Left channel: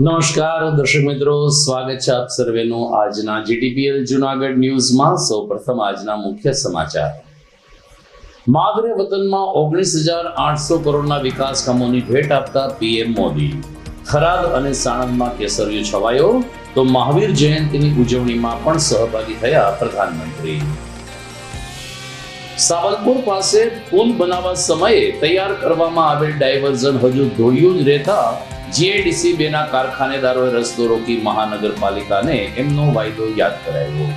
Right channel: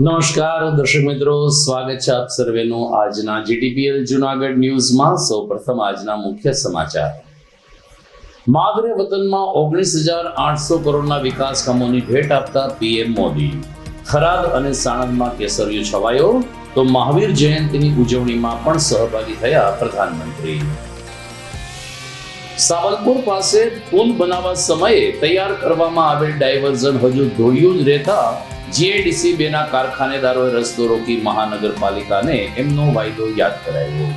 નમસ્કાર દર્શક મિત્રો, સ્વાગત છે આપ સર્વેનું આજના જીટીપીએલ જૂનાગઢ ન્યૂઝમાં। સૌપ્રથમ આજના મુખ્ય સમાચાર। માદરે વતનમાં 19,800 કરોડના વિકાસ કામોની ભેટ આપતા પીએમ મોદી। થરાદ અને સાણંદમાં કેસરિયો છવાયો તો મહાવીર જયંતિની ઉજવણીમાં પણ સહભાગી થયા પ્રધાનમંત્રી। સાવલપુર પાસે પુલ બનાવવા સમયે તૈયાર કરવામાં આવેલ ડાયવર્ઝન હજુ ધોળિયું જ રહેતા જીઆઈડીસી 2 ના કારખાનેદારોએ રસ્તો રોકી મહાનગરપાલિકાને એમનો વાયદો યાદ કરાવ્યો।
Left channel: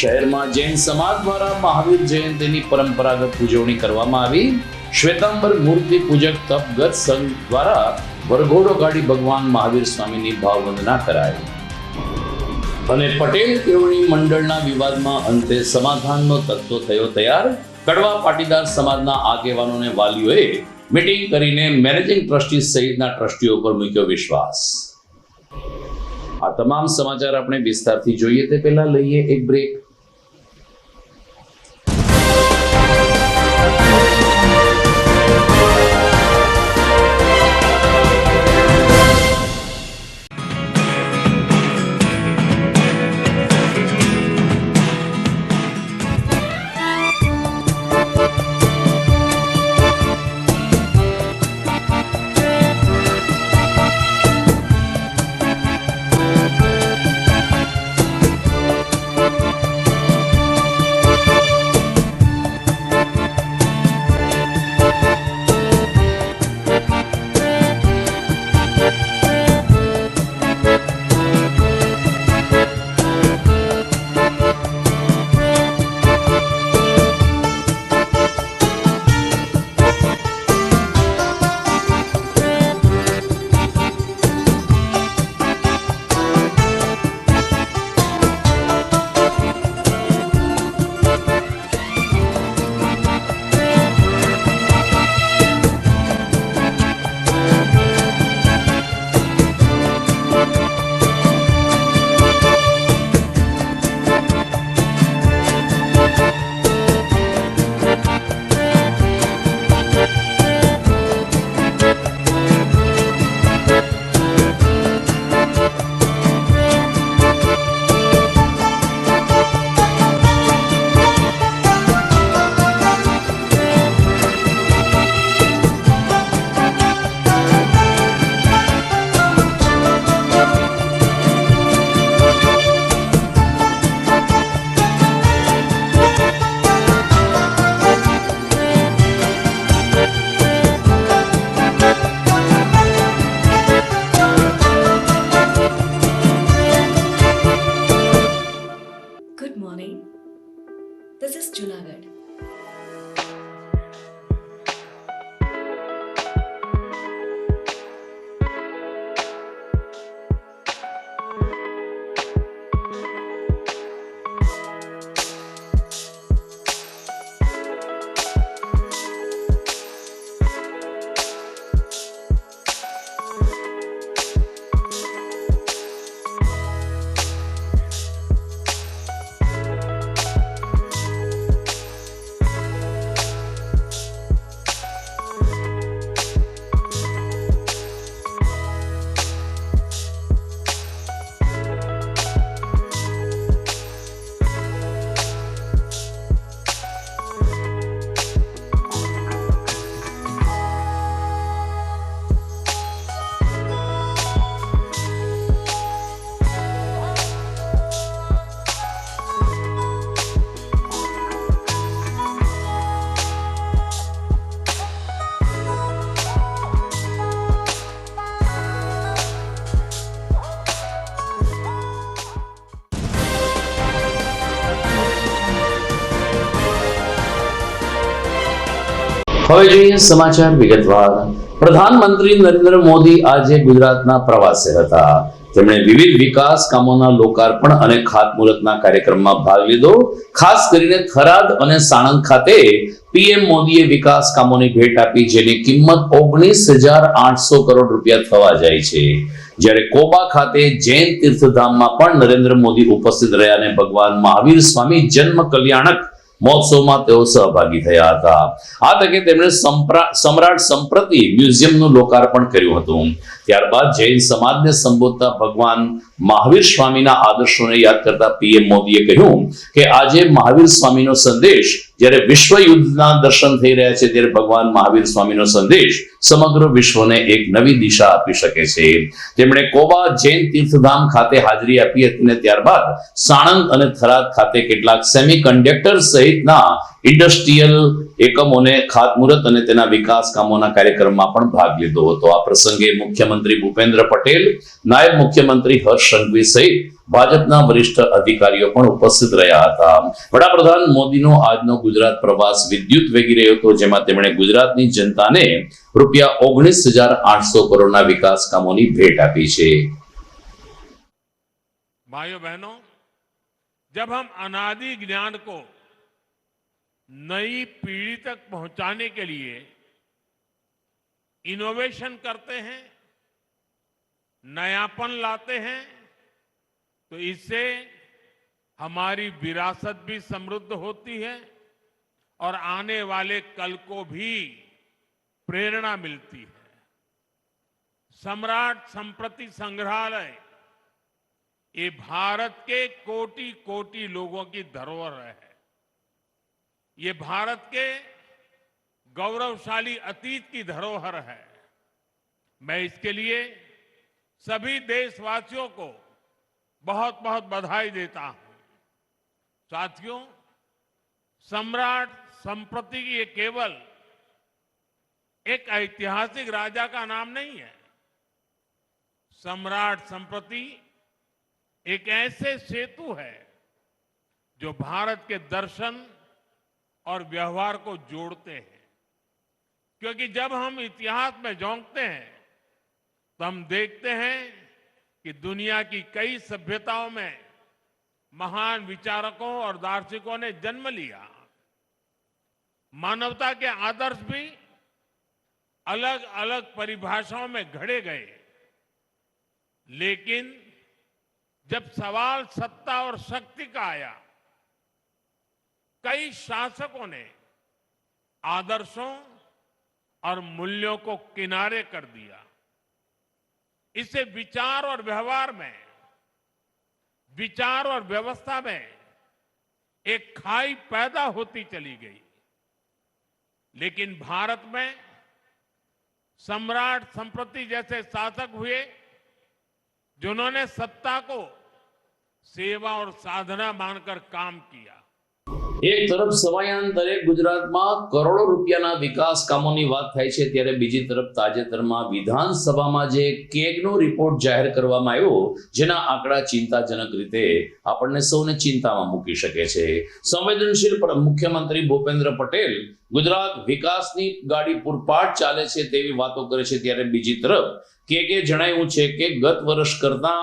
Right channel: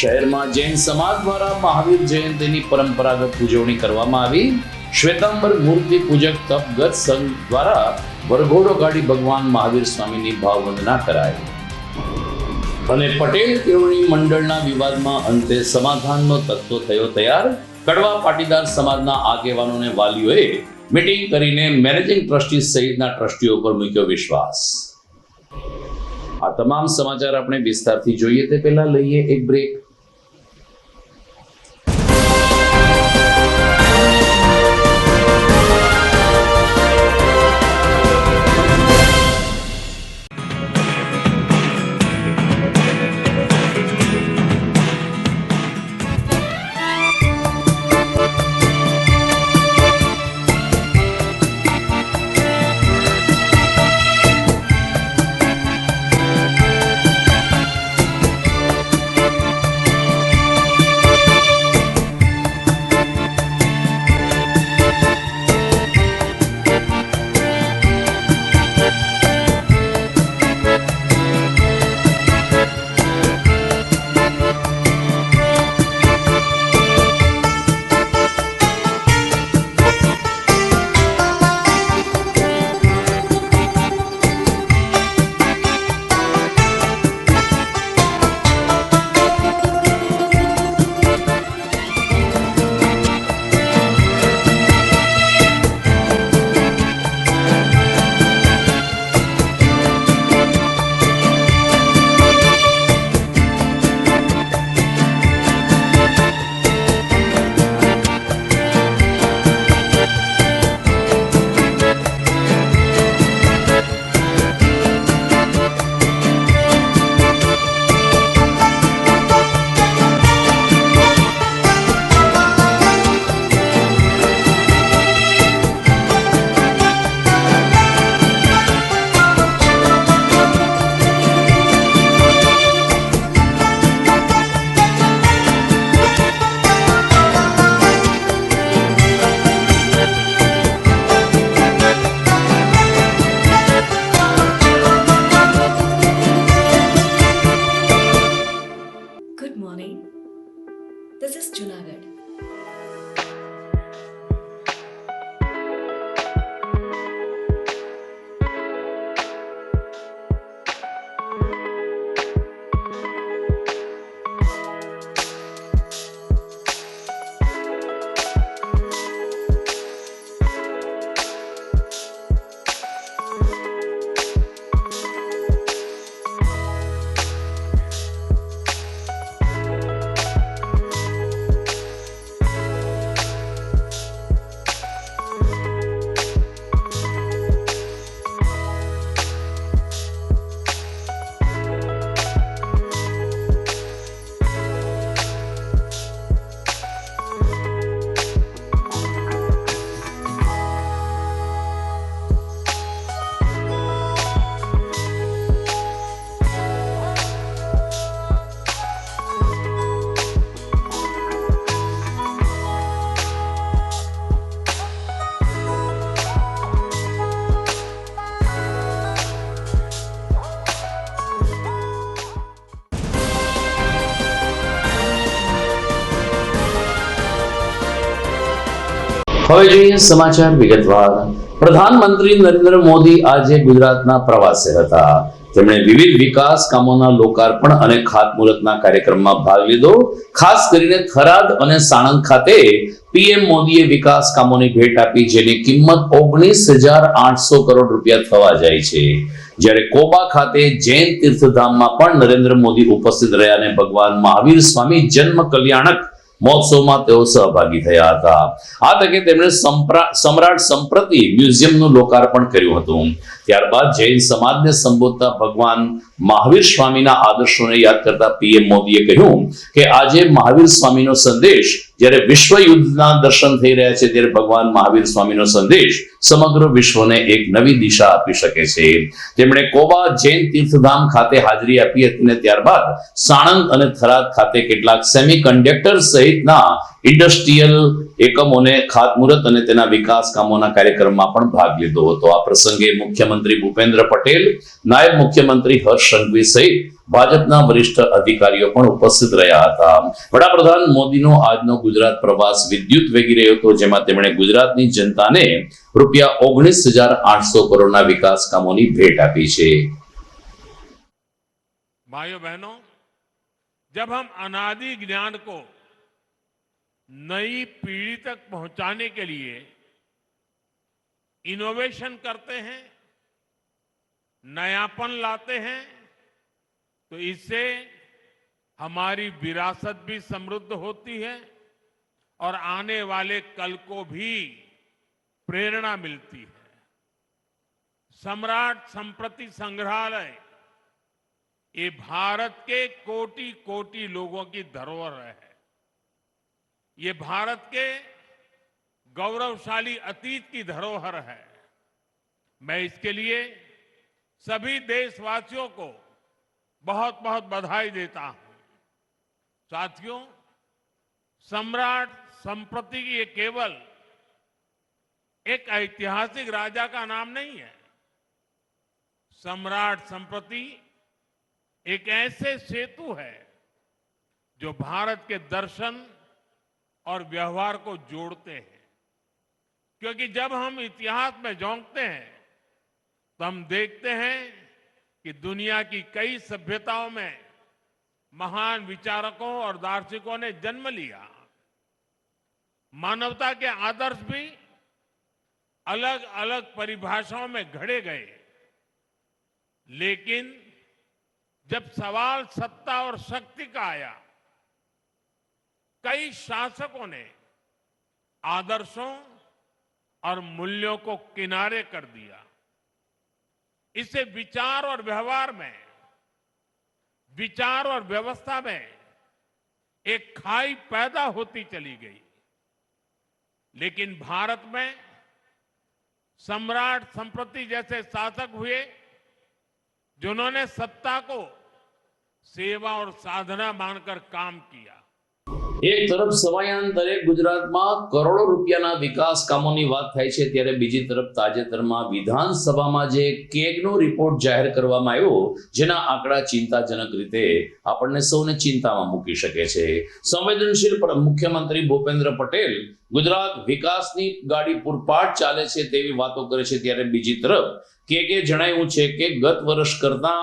શહેરમાં જૈન સમાજ દ્વારા મહાવીર જયંતિની પરંપરાગત ઉજવણી કરવામાં આવી। શ્વેતાંબર મૂર્તિ પૂજક તપગત સંઘ દ્વારા વરઘોડો કાઢી ભગવાન મહાવીર સ્વામીની ભાવવંદના કરાઈ। અને પટેલ કેળવણી મંડળના વિવાદમાં અંતે સમાધાનનો તત્વ થયો તૈયાર। કડવા પાટીદાર સમાજના આગેવાનોને વાલીઓએ મીટિંગ કરીને મેનેજિંગ ટ્રસ્ટી સહિતના ટ્રસ્ટીઓ પર મૂક્યો વિશ્વાસ। આ તમામ સમાચાર આપણે વિસ્તારથી જોઈએ તે પહેલા લઈએ એક break. Good morning. This is Junagadh. હવે જોઈએ સમાચાર વિગતવાર। પ્રધાનમંત્રી નરેન્દ્ર મોદી આજે ગુજરાતના પ્રવાસે હતા। તેમણે વિવિધ વિકાસ કામોના લોકાર્પણ અને ખાતમુહૂર્તના કાર્યક્રમમાં ભાગ લીધો। ખાસ કરીને થરાદ અને સાણંદ ખાતે પીએમ મોદીએ વિકાસ કામોની ભેટ આપી, જેની કિંમત 19,800 કરોડ રૂપિયા થવા જાય છે। જ્યારે કોબા ખાતે જૈન તીર્થધામમાં પણ નરેન્દ્ર મોદી ઉપસ્થિત રહ્યા અને ભગવાન મહાવીર સ્વામી જન્મ કલ્યાણક મહોત્સવમાં તેઓ સહભાગી થયા હતા. આ તકે તેમણે સમ્રાટ સંપ્રતિ મ્યુઝિયમનું લોકાર્પણ કર્યું હતું. ત્યારબાદ જૈન સમાજને સંબોધતા ભગવાન મહાવીર સ્વામીના આદર્શોને યાદ કરતા પીએમ મોદીએ કહ્યું કે આજે મહાવીર સ્વામીનો સંદેશ જ્યારે વિશ્વ યુદ્ધના દર્શન થઈ રહ્યા છે ત્યારે ભગવાન મહાવીર સ્વામીનો સંદેશ સમગ્ર વિશ્વને એક નવી દિશા આપી શકે છે. તેમણે કોબા જૈન તીર્થધામ ખાતે હાજરી આપી હતી અને ત્યારબાદ સાણંદ અને થરાદ ખાતે કેટલાક સેમિકન્ડક્ટર સહિતના ઇન્ડસ્ટ્રીયલ એકમોને ખાતમુહૂર્ત અને તેના વિકાસ કામોના કાર્યક્રમમાં પણ ભાગ લીધો હતો. આ પ્રસંગે મુખ્યમંત્રી ભૂપેન્દ્ર પટેલ, નાયબ મુખ્યમંત્રી હર્ષ સંઘવી સહિત ભાજપના વરિષ્ઠ અધિકારીઓ પણ ઉપસ્થિત રહ્યા હતા. વડાપ્રધાન મોદીનો આજનો ગુજરાત પ્રવાસ વિદ્યુત વેગી રહ્યો હતો, જેમાં તેમણે ગુજરાતની જનતાને ₹19,800 કરોડના વિકાસ કામોની ભેટ આપી છે. भाइयों बहनों, जब हम अनादि ज्ञान को नई पीढ़ी तक पहुंचाने के लिए इनोवेशन करते हैं, नयापन लाते हैं, तो इससे हमारी विरासत भी समृद्ध होती है और आने वाले कल को भी प्रेरणा मिलती है. सम्राट संप्रति संग्रहालय ये भारत के कोटि कोटि लोगों की धरोहर है. ये भारत के गौरवशाली अतीत की धरोहर है. मैं इसके लिए सभी देशवासियों को बहुत बहुत बधाई देता हूं. साथियों, सम्राट संप्रति ये केवल एक ऐतिहासिक राजा का नाम नहीं है. सम्राट संप्रति एक ऐसे सेतु है जो भारत के दर्शन और व्यवहार को जोड़ते हैं. क्योंकि जब हम इतिहास में झोंकते हैं तो हम देखते हैं कि दुनिया की कई सभ्यताओं में महान विचारकों और दार्शनिकों ने जन्म लिया. मानवता के आदर्श भी अलग अलग परिभाषाओं में घड़े गए, लेकिन जब सवाल सत्ता और शक्ति का आया, कई शासकों ने आदर्शों और मूल्यों को किनारे कर दिया. इससे विचार और व्यवस्था में एक खाई पैदा होती चली गई. लेकिन भारत में सम्राट संप्रति जैसे शासक हुए जिन्होंने सत्ता को सेवा और साधना मानकर काम किया. એક તરફ સમયાંતરે ગુજરાતમાં કરોડો રૂપિયાના વિકાસ કામોની વાત થાય છે, ત્યારે બીજી તરફ તાજેતરમાં વિધાનસભામાં જે કેગનો રિપોર્ટ જાહેર કરવામાં આવ્યો, જેના આંકડા ચિંતાજનક રીતે આપણને સૌને ચિંતામાં મૂકી શકે છે. સંવેદનશીલ મુખ્યમંત્રી ભૂપેન્દ્ર પટેલ ગુજરાત વિકાસની ગાડી પૂરપાટ ચાલે છે તેવી વાતો કરે છે, ત્યારે બીજી તરફ કેગે જણાવ્યું છે કે ગત વર્ષ કરતા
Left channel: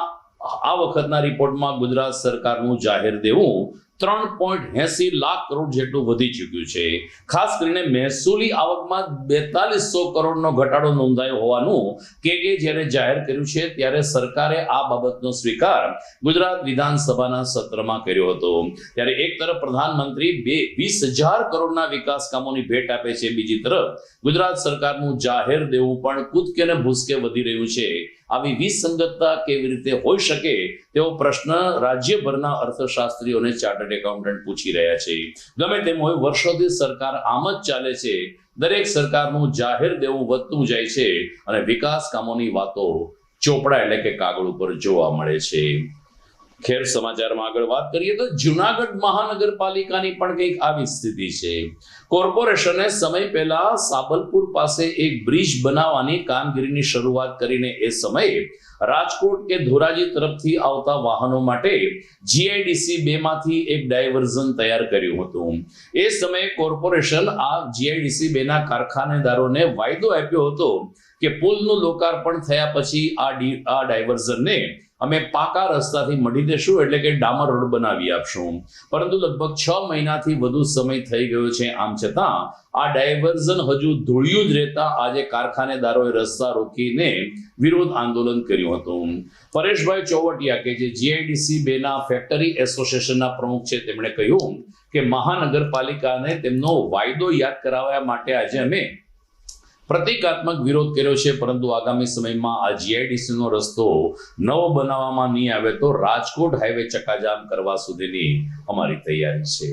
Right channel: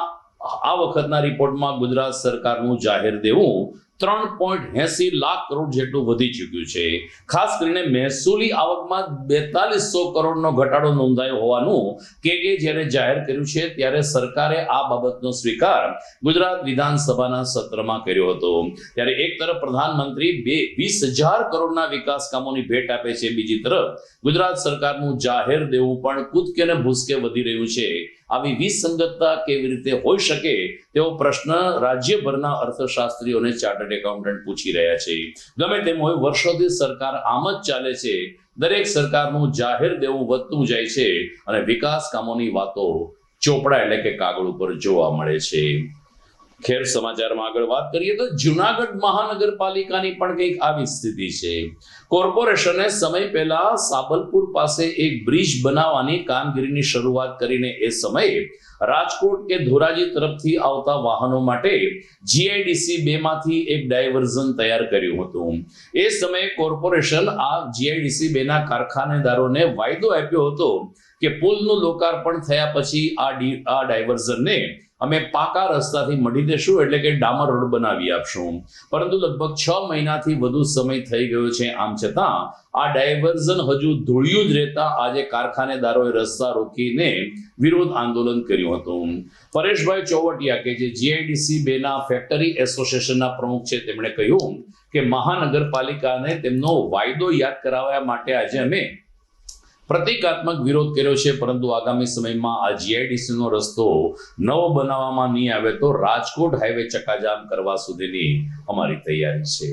આ વખતના રિપોર્ટમાં ગુજરાત સરકારનું જાહેર દેવું 3.80 લાખ કરોડ જેટલું વધી ચૂક્યું છે. ખાસ કરીને મહેસૂલી આવકમાં 4200 કરોડનો ઘટાડો નોંધાયો હોવાનું કેગે જ્યારે જાહેર કર્યું છે, ત્યારે સરકારે આ બાબતનો સ્વીકાર ગુજરાત વિધાનસભાના સત્રમાં કર્યો હતો. ત્યારે એક તરફ પ્રધાનમંત્રી 20,000 કરોડના વિકાસ કામોની ભેટ આપે છે, બીજી તરફ ગુજરાત સરકારનું જાહેર દેવું પણ કૂદકે ને ભૂસકે વધી રહ્યું છે. આવી વિસંગતતા કેવી રીતે હોઈ શકે તેવો પ્રશ્ન રાજ્યભરના અર્થશાસ્ત્રીઓને ચાર્ટર્ડ એકાઉન્ટન્ટ પૂછી રહ્યા છે. ગમે તેમ હોય, વર્ષોથી સરકાર આમ જ ચાલે છે. દરેક સરકારનું જાહેર દેવું વધતું જાય છે અને વિકાસ કામોની વાતો ચોપડા એટલે કે કાગળ ઉપર જોવા મળે છે. ખેર, સમાચારમાં આગળ વાત કરીએ તો જૂનાગઢ મહાનગરપાલિકાની પણ કંઈક આવી સ્થિતિ છે. કોર્પોરેશને સમય પહેલા સાબલપુર પાસે એક બ્રિજ બનાવવાની કામગીરીની શરૂઆત કરીને એ સમયે રાજકોટ કે ધોરાજી તરફથી આવતા વાહનો માટે GIDC 2 માંથી એક ડાયવર્ઝન તૈયાર કર્યું હતું. એ સમયે કોર્પોરેશન આ GIDC 2 ના કારખાનેદારોને વાયદો આપ્યો હતો કે પુલનું લોકાર્પણ થયા પછી આ ડાયવર્ઝનને અમે પાકા રસ્તાથી મઢી દેશું, એટલે કે ડામર રોડ બનાવી આપશું. પરંતુ લગભગ 6 મહિનાથી વધુ સમય થઈ ગયો છે. આમ છતાં આ ડાયવર્ઝન હજુ ધૂળિયું જ રહેતા આજે કારખાનેદારોએ રસ્તા રોકીને વિરોધ આંદોલન કર્યું હતું. પરેશભાઈ ચોવટિયા કે જે જીઆઈડીસી 2 ના ફેક્ટરી એસોસિએશનના પ્રમુખ છે, તેમણે કહ્યું કે મહાનગરપાલિકાને તેમનો વાયદો યાદ કરાવવા માટે આજે અમે પ્રતિકાત્મક વિરોધ કર્યો છે. પરંતુ આગામી સમયમાં આ જીઆઈડીસી નો રસ્તો નવો બનાવવામાં નહીં આવે તો રાજકોટ હાઈવે ચક્કાજામ કરવા સુધીની અમારી તૈયારી છે.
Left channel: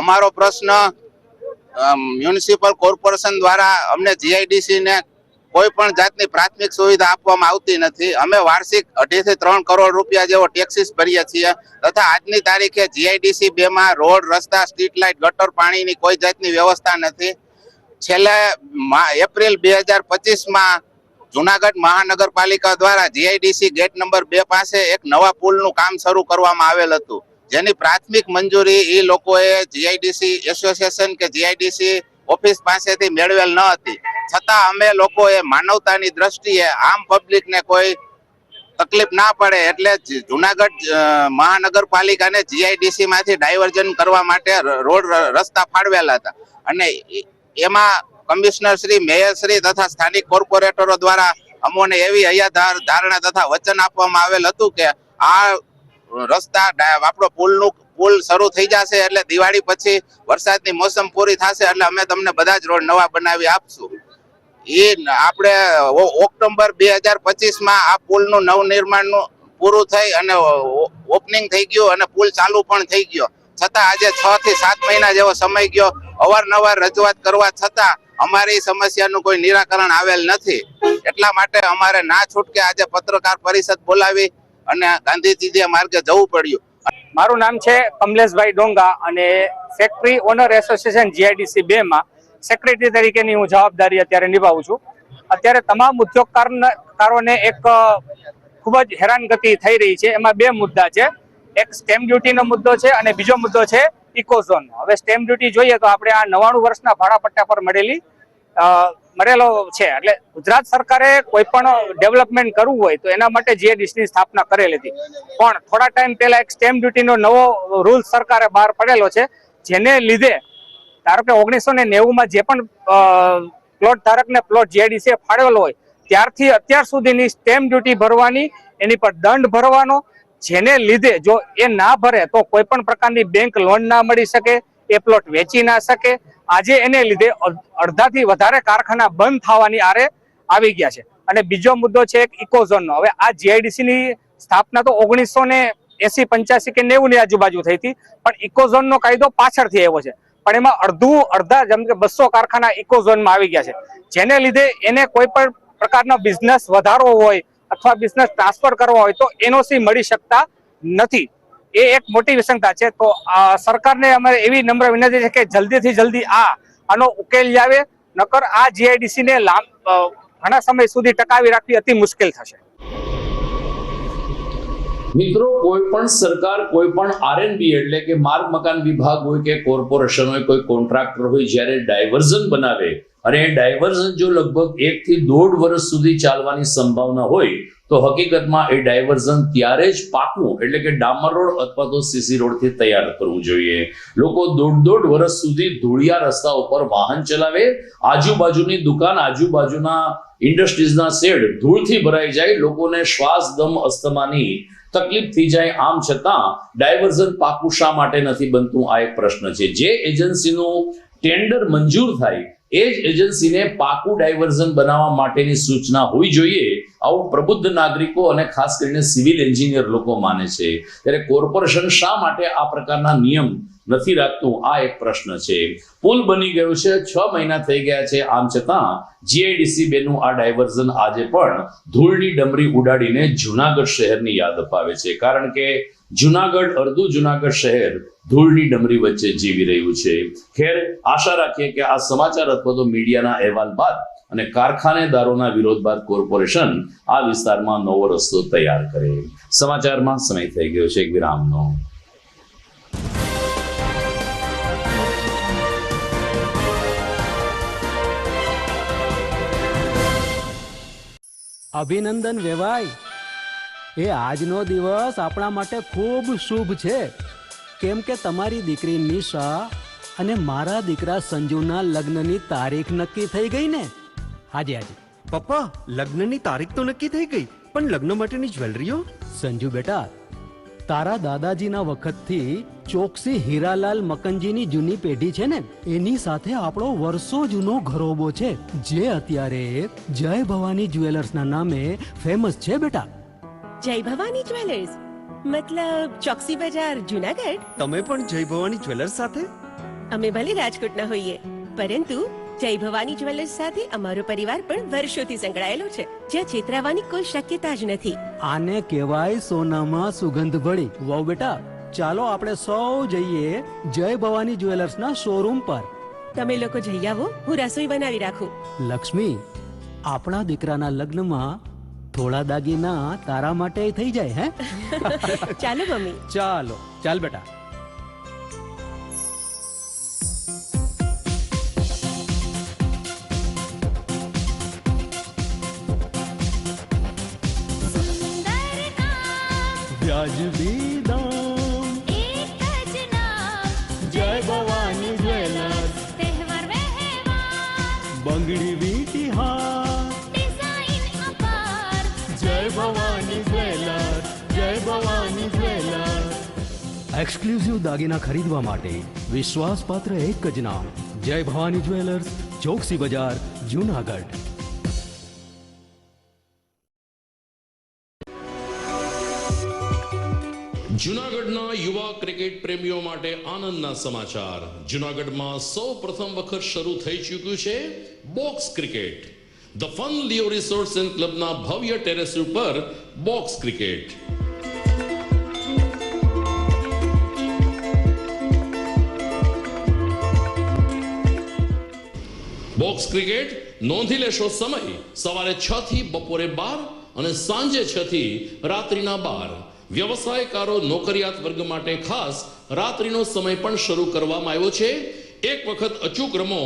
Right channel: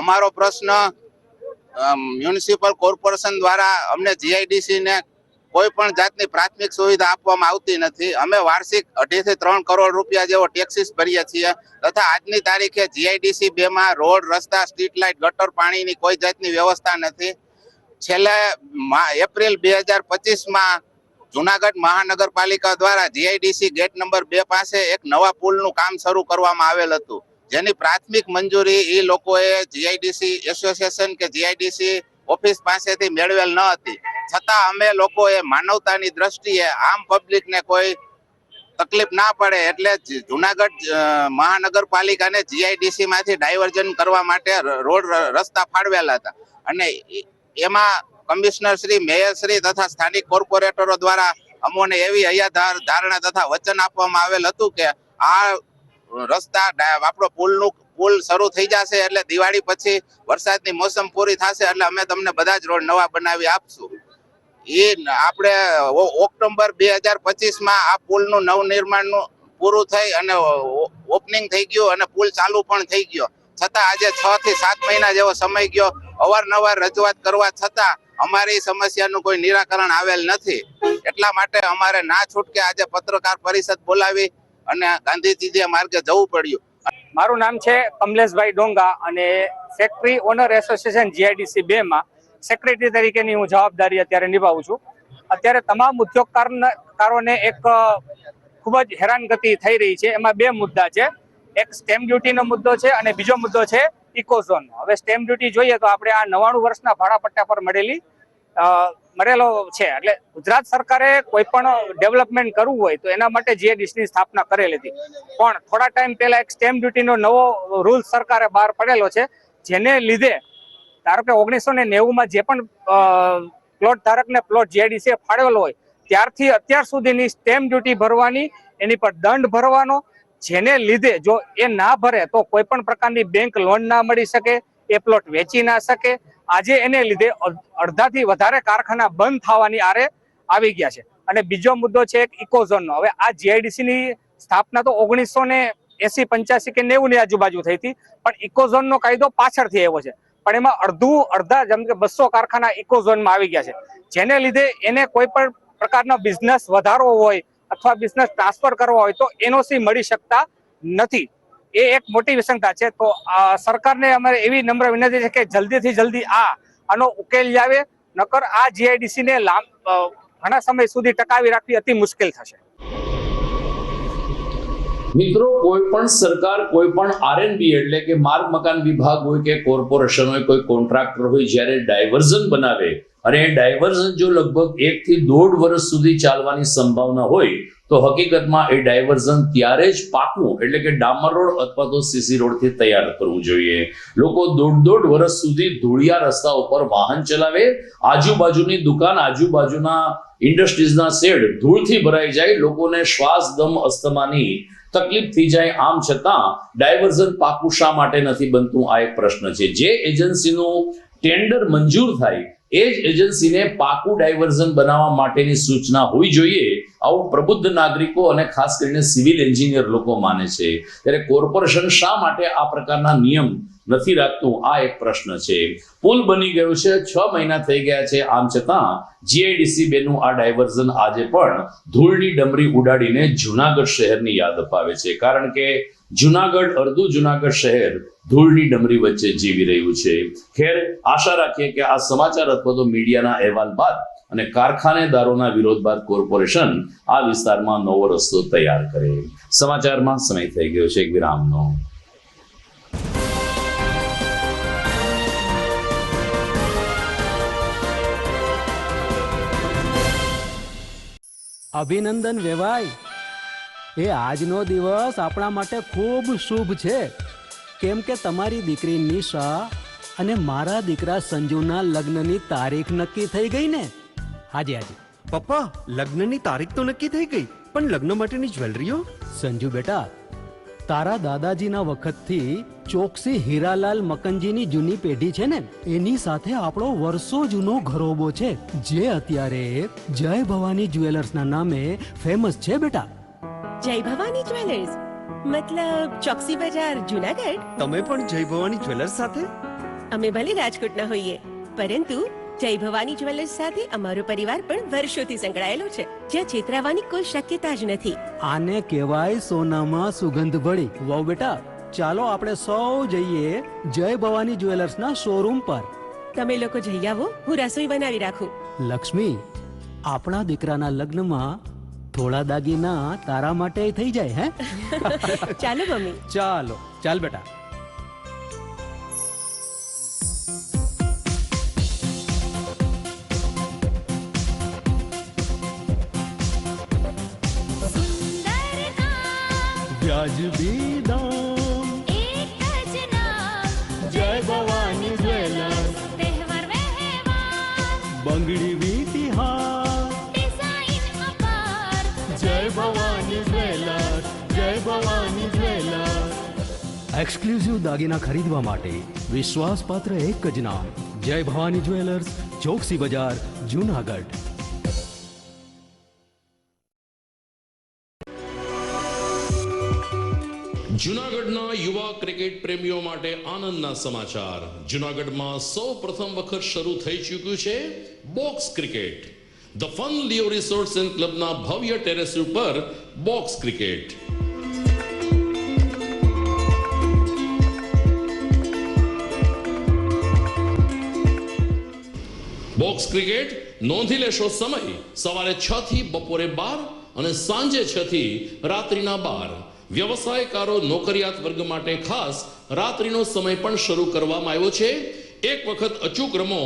અમારો પ્રશ્ન મ્યુનિસિપલ કોર્પોરેશન દ્વારા અમને જીઆઈડીસી ને કોઈ પણ જાતની પ્રાથમિક સુવિધા આપવામાં આવતી નથી. અમે વાર્ષિક 2.5 થી 3 કરોડ રૂપિયા જેવો ટેક્સીસ ભરીએ છીએ, તથા આજની તારીખે જીઆઈડીસી 2 માં રોડ, રસ્તા, સ્ટ્રીટ લાઇટ, ગટર, પાણીની કોઈ જાતની વ્યવસ્થા નથી. છેલ્લે એપ્રિલ 2025 માં જુનાગઢ મહાનગરપાલિકા દ્વારા જીઆઈડીસી ગેટ નંબર 2 પાસે એક નવા પુલનું કામ શરૂ કરવામાં આવેલ હતું, જેની પ્રાથમિક મંજૂરી એ લોકોએ જીઆઈડીસી એસોસિએશન કે જીઆઈડીસી ઓફિસ પાસેથી મેળવેલ ન હતી. છતાં અમે લોકોએ માનવતાની દ્રષ્ટિએ આમ પબ્લિકને કોઈ તકલીફ ના પડે એટલે જુનાગઢ મહાનગરપાલિકાને જીઆઈડીસી માંથી ડાયવર્ઝન કરવા માટે રોડ રસ્તા ફાળવેલા હતા. અને એમાં કમિશનર શ્રી, મેયર શ્રી તથા સ્થાનિક કોર્પોરેટરો દ્વારા અમોને એવી હૈયા ધારણા તથા વચન આપવામાં આવેલ હતું કે આ રસ્તા આપણો પુલ શરૂ થઈ જશે એટલે દિવાળી પછી વરસાદની મોસમ પૂરી થશે એટલે અમે તમને બધા જ રોડ નવા બનાવી આપશું. એ આપણે ઓક્ટોબર 2025 માં આ પુલનું નવનિર્માણનું પૂરું થઈ અને ઓપનિંગ થઈ ગયું અને પુલ ચાલુ પણ થઈ ગયો. છતાં આજે 6 થી 7 મહિના જેવો સમય ગયો. અવારનવાર રજૂઆત કરવા છતાં અમારી સમસ્યાનું કોઈ નિરાકરણ આવેલ નથી. એટલા માટે અમારે ના છૂટકે આજે પત્રકાર પરિષદ બોલાવી અને ગાંધીજી માર્ગે જવું પડ્યું. મારું નામ છે કમલેશભાઈ ડોંગા અને ફેક્ટરી ઓનર એસોસિએશન જીઆઈડીસી 2 માં સેક્રેટરી તરીકેની હું જવાબદારી અત્યારે નિભાવું છું. અત્યારે તમામ ઉદ્યોગકારોને એક ખૂબ જ હેરાનગતિ થઈ રહી છે. એમાં 2 મુદ્દા છે. એક સ્ટેમ્પ ડ્યુટીનો મુદ્દો છે અને બીજો મુદ્દો છે ઇકોઝોનનો. હવે સ્ટેમ્પ ડ્યુટી જોઈએ તો આપણે આ 99 વર્ષના ભાડાપટ્ટા પર મળેલો છે. એટલે ગુજરાત સરકારે કોઈ પણ ડેવલપમેન્ટ કરવું હોય તો એના માટે જીઆઈડીસી ની સ્થાપના કરેલી હતી. પણ થોડા ટાઈમ પહેલા એક સ્ટેમ્પ ડ્યુટીનો નવો રૂલ સરકારે બહાર પડેલો છે, જેને લીધે ધારો કે 1990 માં જે પણ પ્લોટ ધારકને પ્લોટ જીઆઈડીસી ફાળવેલો હોય ત્યારથી અત્યાર સુધીની સ્ટેમ્પ ડ્યુટી ભરવાની, એની પર દંડ ભરવાનો, જેને લીધે જો એ ના ભરે તો કોઈ પણ પ્રકારની બેંક લોન ના મળી શકે, એ પ્લોટ વેચી ના શકે. આજે એને લીધે અડધાથી વધારે કારખાના બંધ થવાની આરે આવી ગયા છે. અને બીજો મુદ્દો છે એક ઇકોઝોનનો. હવે આ જીઆઈડીસી ની સ્થાપના તો 1980, 85 કે 90 ની આજુબાજુ થઈ હતી, પણ ઇકોઝોનનો કાયદો પાછળથી આવ્યો છે. પણ એમાં અડધા જેમ કે 200 કારખાના ઇકોઝોનમાં આવી ગયા છે, જેને લીધે એને કોઈ પણ પ્રકારનો બિઝનેસ વધારવો હોય અથવા બિઝનેસ ટ્રાન્સફર કરવા હોય તો એનઓસી મળી શકતા નથી. એ એક મોટી વિસંગતા છે. તો સરકારને અમારે એવી નમ્ર વિનંતી છે કે જલ્દીથી જલ્દી આનો ઉકેલ લાવે, નકર આ જીઆઈડીસી ને ઘણા સમય સુધી ટકાવી રાખવી અતિ મુશ્કેલ થશે. મિત્રો, કોઈ પણ સરકાર, કોઈ પણ આરએનબી એટલે કે માર્ગ મકાન વિભાગ હોય કે કોર્પોરેશન હોય, કોઈ કોન્ટ્રાક્ટર હોય, જ્યારે ડાયવર્ઝન બનાવે અને એ ડાયવર્ઝન જો લગભગ 1 થી 1.5 વર્ષ સુધી ચાલવાની સંભાવના હોય તો હકીકતમાં એ ડાયવર્ઝન ત્યારે જ પાકું એટલે કે ડામર રોડ અથવા તો સીસી રોડથી તૈયાર કરવું જોઈએ. લોકો 1.5 વર્ષ સુધી ધૂળિયા રસ્તા ઉપર વાહન ચલાવે, આજુબાજુની દુકાન, આજુબાજુના ઇન્ડસ્ટ્રીઝના શેડ ધૂળથી ભરાઈ જાય, લોકોને શ્વાસ, દમ, અસ્થમાની તકલીફ થઈ જાય. આમ છતાં ડાયવર્ઝન પાકું શા માટે નથી બનતું? આ એક પ્રશ્ન છે. જે એજન્સીનું ટેન્ડર મંજૂર થાય એ જ એજન્સીને પાકું ડાયવર્ઝન બનાવવા માટેની સૂચના હોવી જોઈએ, આવું પ્રબુદ્ધ નાગરિકો અને ખાસ કરીને સિવિલ એન્જિનિયર લોકો માને છે. ત્યારે કોર્પોરેશન શા માટે આ પ્રકારના નિયમ નથી રાખતું? આ એક પ્રશ્ન છે. પુલ બની ગયો છે, 6 મહિના થઈ ગયા છે. આમ છતાં જીઆઈડીસી 2 નું આ ડાયવર્ઝન આજે પણ ધૂળની ડમરી ઉડાડીને જુનાગઢ શહેરની યાદ અપાવે છે. કારણ કે જુનાગઢ, અડધું જુનાગઢ શહેર ધૂળની ડમરી વચ્ચે જીવી રહ્યું છે. ખેર, આશા રાખીએ કે આ સમાચાર અથવા તો મીડિયાના અહેવાલ બાદ અને કારખાનેદારોના વિરોધ બાદ કોર્પોરેશન આ વિસ્તારમાં નવો રસ્તો તૈયાર કરે. સમાચારમાં સમય થઈ ગયો છે એક વિરામનો. અભિનંદન વેવાઈ. એ આજનો દિવસ આપણા માટે ખૂબ શુભ છે, કેમ કે તમારી દીકરી નિશા અને મારા દીકરા સંજુના લગ્નની તારીખ નક્કી થઈ ગઈ ને. હાજી હાજી. પપ્પા, લગ્નની તારીખ તો નક્કી થઈ ગઈ, પણ લગ્ન માટેની જ્વેલરીઓ? સંજુ બેટા, તારા દાદાજીના વખતથી ચોકસી હીરાલાલ મકનજીની જૂની પેઢી છે ને, એની સાથે આપણો વર્ષો જૂનો ઘરોબો છે, જે અત્યારે જય ભવાની જ્વેલર્સના નામે ફેમસ છે બેટા. જય ભવાની જ્વેલર્સ મતલબ ચોકસી બજાર જુનાગઢ? તમે પણ જય ભવાની જ્વેલર્સ સાથે? અમે ભલે રાજકોટના હોઈએ, પરંતુ જય ભવાની જ્વેલર્સ સાથે અમારો પરિવાર પણ વર્ષોથી સંકળાયેલો છે, જ્યાં છેતરાવાની કોઈ શક્યતા જ નથી. આને કહેવાય સોનામાં સુગંધ ભળી. વાવ બેટા, ચાલો આપણે સૌ જઈએ જય ભવાની જ્વેલર્સના શોરૂમ પર. તમે લોકો જઈ આવો, હું રસોઈ બનાવી રાખું. લક્ષ્મી, આપણા દીકરાના લગ્નમાં થોડા દાગીના તારા માટે થઈ જાય હે. ચાલો મમ્મી. ચાલો ચાલ બેટા. વ્યાજબી દામ, એક જ નામ, જય ભવાની જ્વેલર્સ. તહેવાર વ્યવહાર, બંગડી વીટી હાર, ડિઝાઇન અપાર, જય ભવાની જ્વેલર્સ, જય ભવાની જ્વેલર્સ. એક્સક્લુઝિવ દાગીના ખરીદવા માટે વિશ્વાસપાત્ર એક જ નામ, જય ભવાની જ્વેલર્સ, ચોકસી બજાર, જુનાગઢ. જૂનાગઢના યુવા ક્રિકેટ પ્રેમીઓ માટે આનંદના સમાચાર. જૂનાગઢમાં સૌ પ્રથમ વખત શરૂ થઈ ચૂક્યું છે box cricket. The fun Leo resorts and ક્લબના ભવ્ય ટેરેસ ઉપર બોક્સ ક્રિકેટ. બોક્સ ક્રિકેટ નોંધી લેશો સમય સવારે 6 થી બપોરે 12 અને સાંજે 6 થી રાત્રિના 12. વ્યવસાયકારો, નોકરિયાત વર્ગ માટે ખાસ રાત્રિનો સમય પણ શરૂ કરવામાં આવ્યો છે. એક વખત અચૂક રમો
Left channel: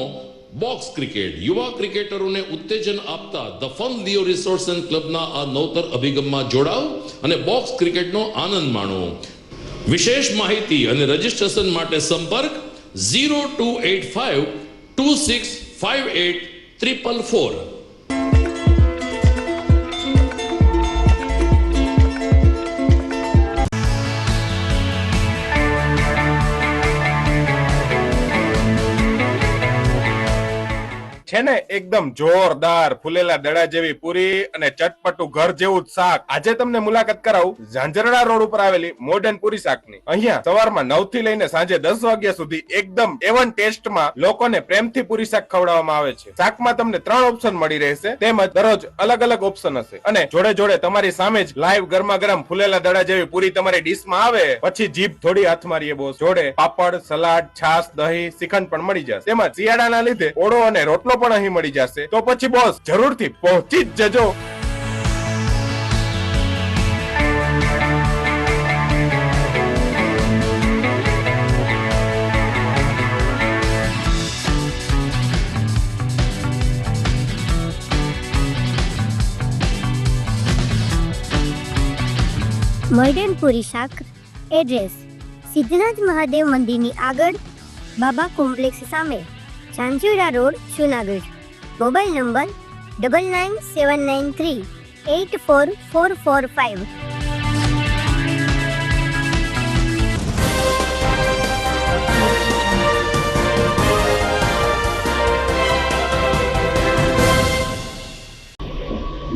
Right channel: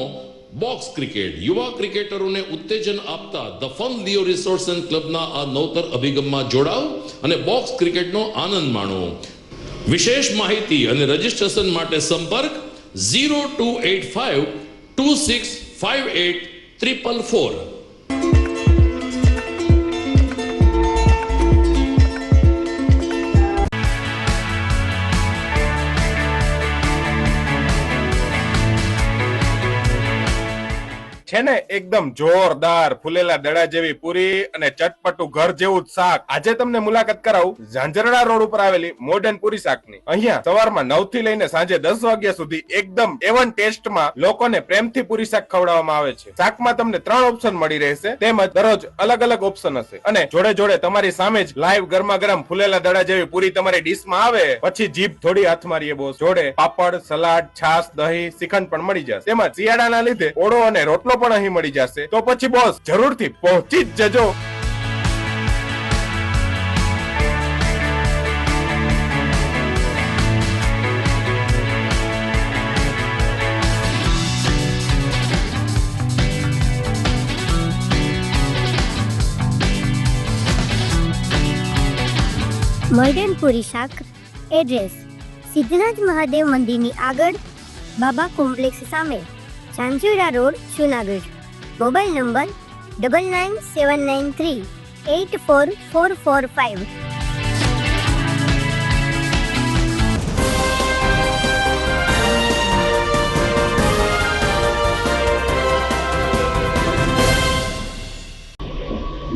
બોક્સ ક્રિકેટ. યુવા ક્રિકેટરોને ઉત્તેજન આપતા the fun Leo resorts and ક્લબના આ નવતર અભિગમમાં જોડાઓ અને બોક્સ ક્રિકેટનો આનંદ માણો. વિશેષ માહિતી અને રજીસ્ટ્રેશન માટે સંપર્ક 0285 2658 444. છે ને એકદમ જોરદાર ફૂલેલા દડા જેવી પૂરી અને ચટપટું ઘર જેવું જ શાક. આજે તમને મુલાકાત કરાવું ઝાંઝરડા રોડ ઉપર આવેલી મોડર્ન પૂરી શાકની. અહીંયા સવારમાં 9 થી લઈને સાંજે 10 વાગ્યા સુધી એકદમ એવન ટેસ્ટમાં લોકોને પ્રેમથી પૂરી શાક ખવડાવવામાં આવે છે. શાકમાં તમને 3 ઓપ્શન મળી રહેશે, તેમજ દરરોજ અલગ અલગ ઓપ્શન હશે, અને જોડે જોડે તમારી સામે જ લાઈવ ગરમા ગરમ ફૂલેલા દડા જેવી પૂરી તમારી ડીશમાં આવે પછી જીભ થોડી હાથ મારીએ બોસ. જોડે પાપડ, સલાડ, છાશ, દહીં, શ્રીખંડ પણ મળી જશે. તેમજ શિયાળાના લીધે ઓળો અને રોટલો પણ અહીં મળી જશે. તો પછી બોસ જરૂરથી પહોંચી જ જજો. મોડર્ન પૂરી શાક. એડ્રેસ સિદ્ધનાથ મહાદેવ મંદિરની આગળ, બાબા કોમ્પ્લેક્સ સામે, Zanzarda road, Junagadh. Mobile number 9979384445.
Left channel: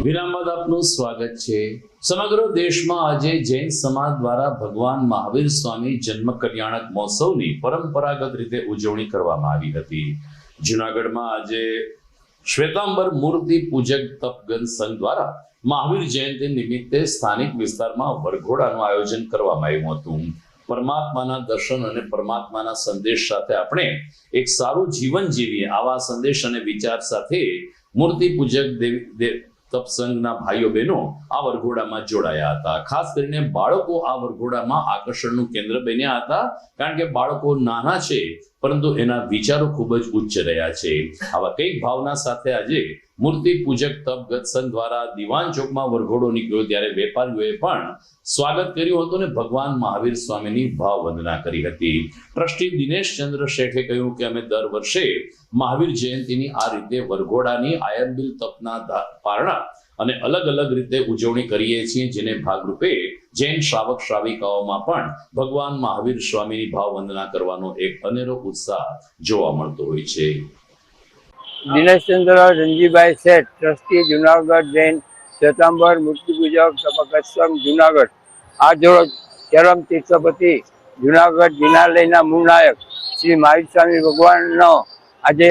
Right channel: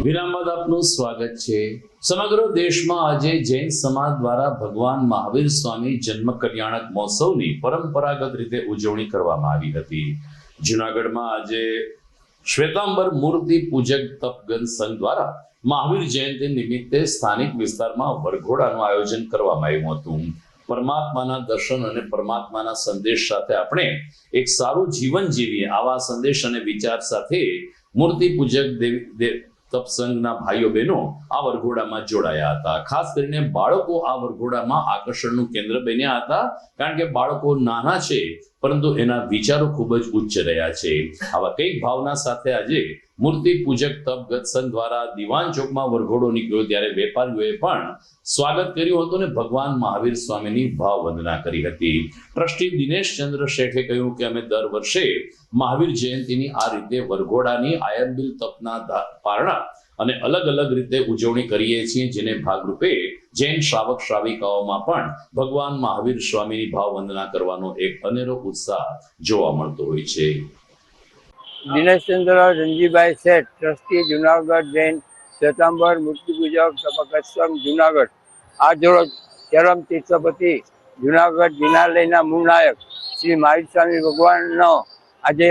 વિરામ બાદ આપનું સ્વાગત છે. સમગ્ર દેશમાં આજે જૈન સમાજ દ્વારા ભગવાન મહાવીર સ્વામી જન્મ કલ્યાણક મહોત્સવની પરંપરાગત રીતે ઉજવણી કરવામાં આવી હતી. જૂનાગઢમાં આજે શ્વેતાંબર મૂર્તિ પૂજક તપગન સંઘ દ્વારા મહાવીર જયંતિ નિમિત્તે સ્થાનિક વિસ્તારમાં વરઘોડાનું આયોજન કરવામાં આવ્યું હતું. પરમાત્માના દર્શન અને પરમાત્માના સંદેશ સાથે આપણે એક સારું જીવન જીવીએ, આવા સંદેશ અને વિચાર સાથે મૂર્તિ પૂજક તપસંઘના ભાઈઓ બહેનો આ વરઘોડામાં જોડાયા હતા. ખાસ કરીને બાળકો આ વરઘોડામાં આકર્ષણનું કેન્દ્ર બન્યા હતા, કારણ કે બાળકો નાના છે પરંતુ એના વિચારો ખૂબ જ ઉચ્ચ રહ્યા છે. આવા કંઈક ભાવના સાથે આજે મૂર્તિ પૂજક તપગત સંઘ દ્વારા દિવાન ચોકમાં વરઘોડો નીકળ્યો ત્યારે વેપારીઓએ પણ સ્વાગત કર્યું હતું અને ભગવાન મહાવીર સ્વામીની ભાવ વંદના કરી હતી. ટ્રસ્ટી દિનેશ ચંદ્ર શેઠે કહ્યું કે અમે દર વર્ષે મહાવીર જયંતિની આ રીતે વરઘોડાની આયંબિલ તપના પારણા અને અલગ અલગ રીતે ઉજવણી કરીએ છીએ, જેને ભાગરૂપે જૈન શ્રાવક શ્રાવિકાઓમાં પણ ભગવાન મહાવીર સ્વામીની ભાવ વંદના કરવાનો એક અનેરો ઉત્સાહ જોવા મળતો હોય છે. દિનેશચંદ્ર રંજીભાઈ શેઠ, ટ્રસ્ટી જુનાગઢ જૈન શ્વેતાંબર મૂર્તિ પૂજક તપગત સંઘ જુનાગઢ. આજરોજ ચરમ તીર્થપતિ જુનાગઢ જિનાલયના મૂળ નાયક શ્રી મહાવીર સ્વામી ભગવાનનો આજે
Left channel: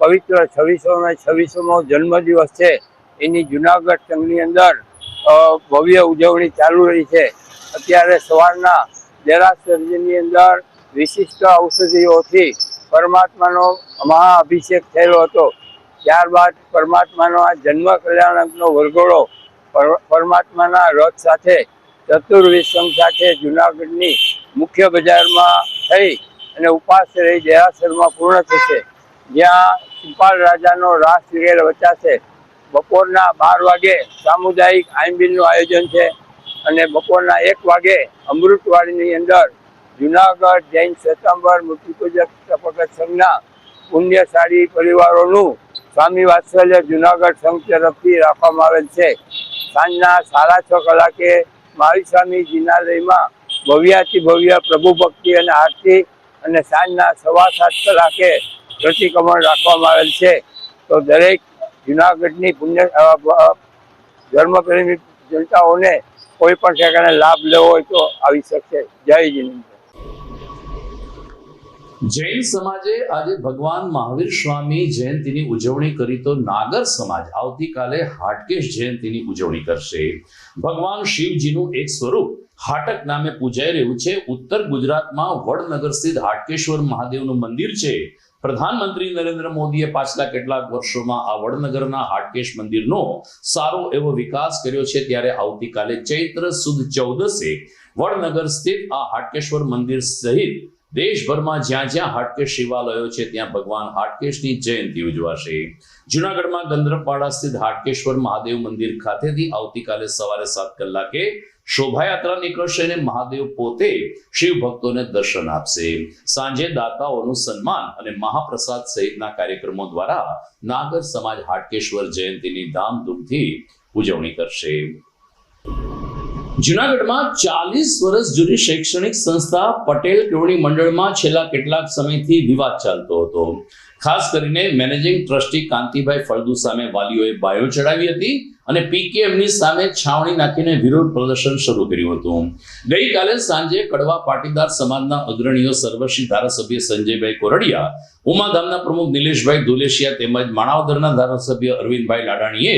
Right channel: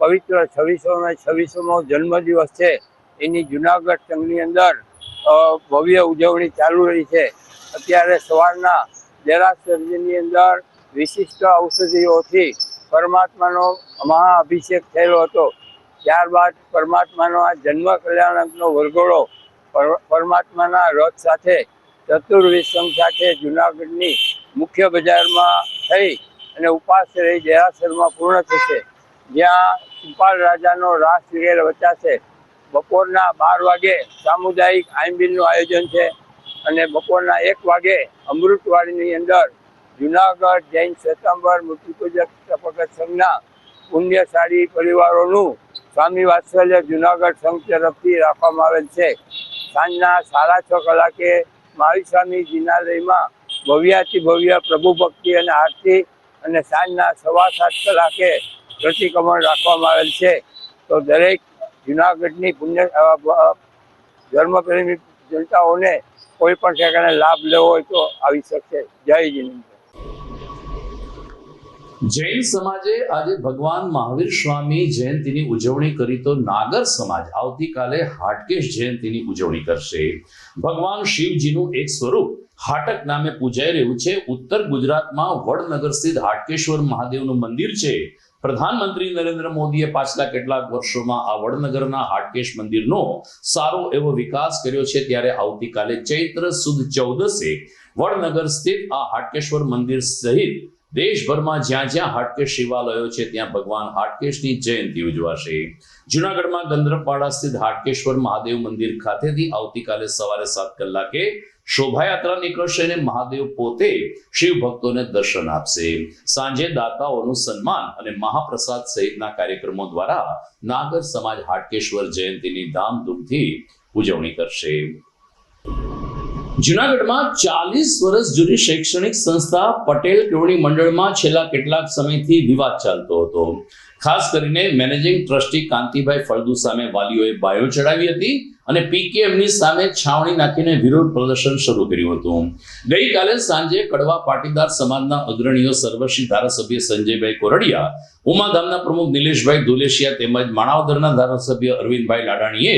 પવિત્ર 26મો જન્મદિવસ છે. એની જુનાગઢ સંઘની અંદર ભવ્ય ઉજવણી ચાલુ રહી છે. અત્યારે સવારના દેરાસરની અંદર વિશિષ્ટ ઔષધિઓથી પરમાત્માનો મહાઅભિષેક થયેલો હતો. ત્યારબાદ પરમાત્માનો આ જન્મ કલ્યાણકનો વરઘોડો પરમાત્માના રથ સાથે ચતુર્વિધ સંઘ સાથે જુનાગઢની મુખ્ય બજારમાં થઈ અને ઉપાસ રહી દેરાસરમાં પૂર્ણ થશે, જ્યાં સિપાલ રાજાનો રાસ વિરેલ વચાશે. બપોરના 12 વાગે સામુદાયિક આંબિલનું આયોજન છે અને બપોરના 1 વાગે અમૃતવાડીની અંદર જુનાગઢ જૈન શ્વેતાંબર મૂર્તિ પૂજક તપગત સંઘના પુણ્યશાળી પરિવારોનું સ્વામી વાત્સલ્ય જુનાગઢ સંઘ તરફથી રાખવામાં આવેલ છે. સાંજના 6:30 કલાકે મહાવીર સ્વામી જિનાલયમાં ભવ્યાતિ ભવ્ય પ્રભુ ભક્તિ અને આરતી અને સાંજના 7:15 કલાકે પ્રતિક્રમણ રાખવામાં આવેલ છે. તો દરેક જુનાગઢની પુણ્ય ધર્મપ્રેમી જનતાઓને કોઈ પણ પ્રકારનો લાભ લેવો હોય તો આવી શકશે. જય જિનેન્દ્ર. જૈન સમાજે આજે ભગવાન મહાવીર સ્વામી જયંતિની ઉજવણી કરી તો નાગર સમાજ આવતીકાલે હાટકેશ જયંતિની ઉજવણી કરશે. ભગવાન શિવજીનું એક સ્વરૂપ હાટક નામે પૂજાઈ રહ્યું છે. ઉત્તર ગુજરાતમાં વડનગર સ્થિત હાટકેશ્વર મહાદેવનું મંદિર છે. પ્રધાનમંત્રી નરેન્દ્ર મોદીએ પાછલા કેટલાક વર્ષોમાં આ વડનગરના હાટકેશ મંદિરનો સારો એવો વિકાસ કર્યો છે. ત્યારે આવતીકાલે ચૈત્ર સુદ 14 વડનગર સ્થિત આ હાટકેશ્વર મંદિર સહિત દેશભરમાં જ્યાં જ્યાં હાટકેશ શિવાલયો છે ત્યાં ભગવાન હાટકેશની જયંતિ ઉજવાશે. જુનાગઢમાં ગંધર્વપાડા સ્થિત હાટકેશ્વર મહાદેવ મંદિર ખાતેથી આવતીકાલે સવારે 7 કલાકે શોભાયાત્રા નીકળશે અને મહાદેવ પોતે શિવ ભક્તોને દર્શન આપશે. સાંજે દાતાઓનું સન્માન અને મહાપ્રસાદ સહિતના કાર્યક્રમો દ્વારા નાગર સમાજ હાટકેશ્વર જયંતિની ધામધૂમથી ઉજવણી કરશે. જુનાગઢમાં 40 વર્ષ જૂની શૈક્ષણિક સંસ્થા પટેલ કેળવણી મંડળમાં છેલ્લા કેટલાક સમયથી વિવાદ ચાલતો હતો. ખાસ કરીને મેનેજિંગ ટ્રસ્ટી કાંતિભાઈ ફળદુ સામે વાલીઓએ બાયો ચડાવી હતી અને પીકેએમની સામે છાવણી નાખીને વિરોધ પ્રદર્શન શરૂ કર્યું હતું. ગઈકાલે સાંજે કડવા પાટીદાર સમાજના અગ્રણીઓ સર્વશ્રી ધારાસભ્ય સંજયભાઈ કોરડિયા, ઉમાધામના પ્રમુખ નિલેશભાઈ ધુલેશિયા તેમજ માણાવદરના ધારાસભ્ય અરવિંદભાઈ લાડાણીએ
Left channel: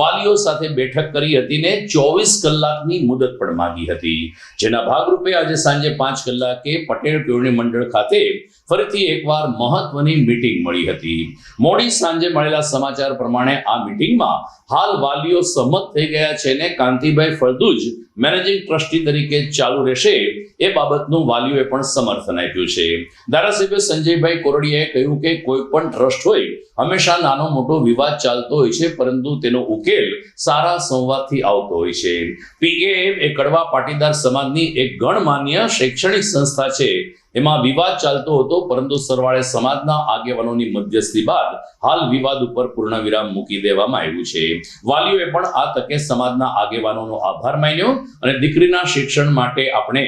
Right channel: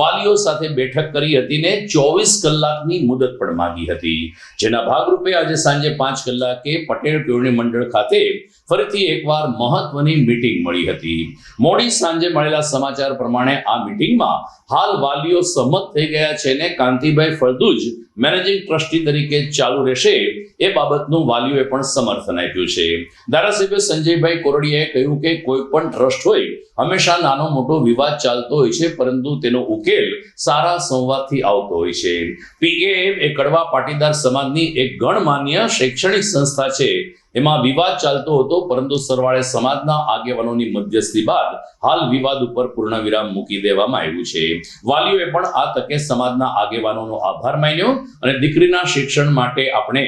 વાલીઓ સાથે બેઠક કરી હતી ને 24 કલાકની મુદત પણ માંગી હતી. જેના ભાગરૂપે આજે સાંજે 5 કલાકે પટેલ કેળવણી મંડળ ખાતે ફરીથી એકવાર મહત્વની મીટિંગ મળી હતી. મોડી સાંજે મળેલા સમાચાર પ્રમાણે આ મીટિંગમાં હાલ વાલીઓ સંમત થઈ ગયા છે ને કાંતિભાઈ ફળદુ જ મેનેજિંગ ટ્રસ્ટી તરીકે ચાલુ રહેશે એ બાબતનું વાલીઓએ પણ સમર્થન આપ્યું છે. ધારાસભ્ય સંજયભાઈ કોરડિયાએ કહ્યું કે કોઈ પણ ટ્રસ્ટ હોય હંમેશા નાનો મોટો વિવાદ ચાલતો હોય છે, પરંતુ તેનો ઉકેલ સારા સંવાદથી આવતો હોય છે. પીકેએમ એ કડવા પાટીદાર સમાજની એક ગણમાન્ય શૈક્ષણિક સંસ્થા છે. એમાં વિવાદ ચાલતો હતો, પરંતુ સરવાળે સમાજના આગેવાનોની મધ્યસ્થી બાદ હાલ વિવાદ ઉપર પૂર્ણવિરામ મૂકી દેવામાં આવ્યું છે. વાલીઓએ પણ આ તકે સમાજના આગેવાનોનો આભાર માન્યો અને દીકરીના શિક્ષણ માટે આપણે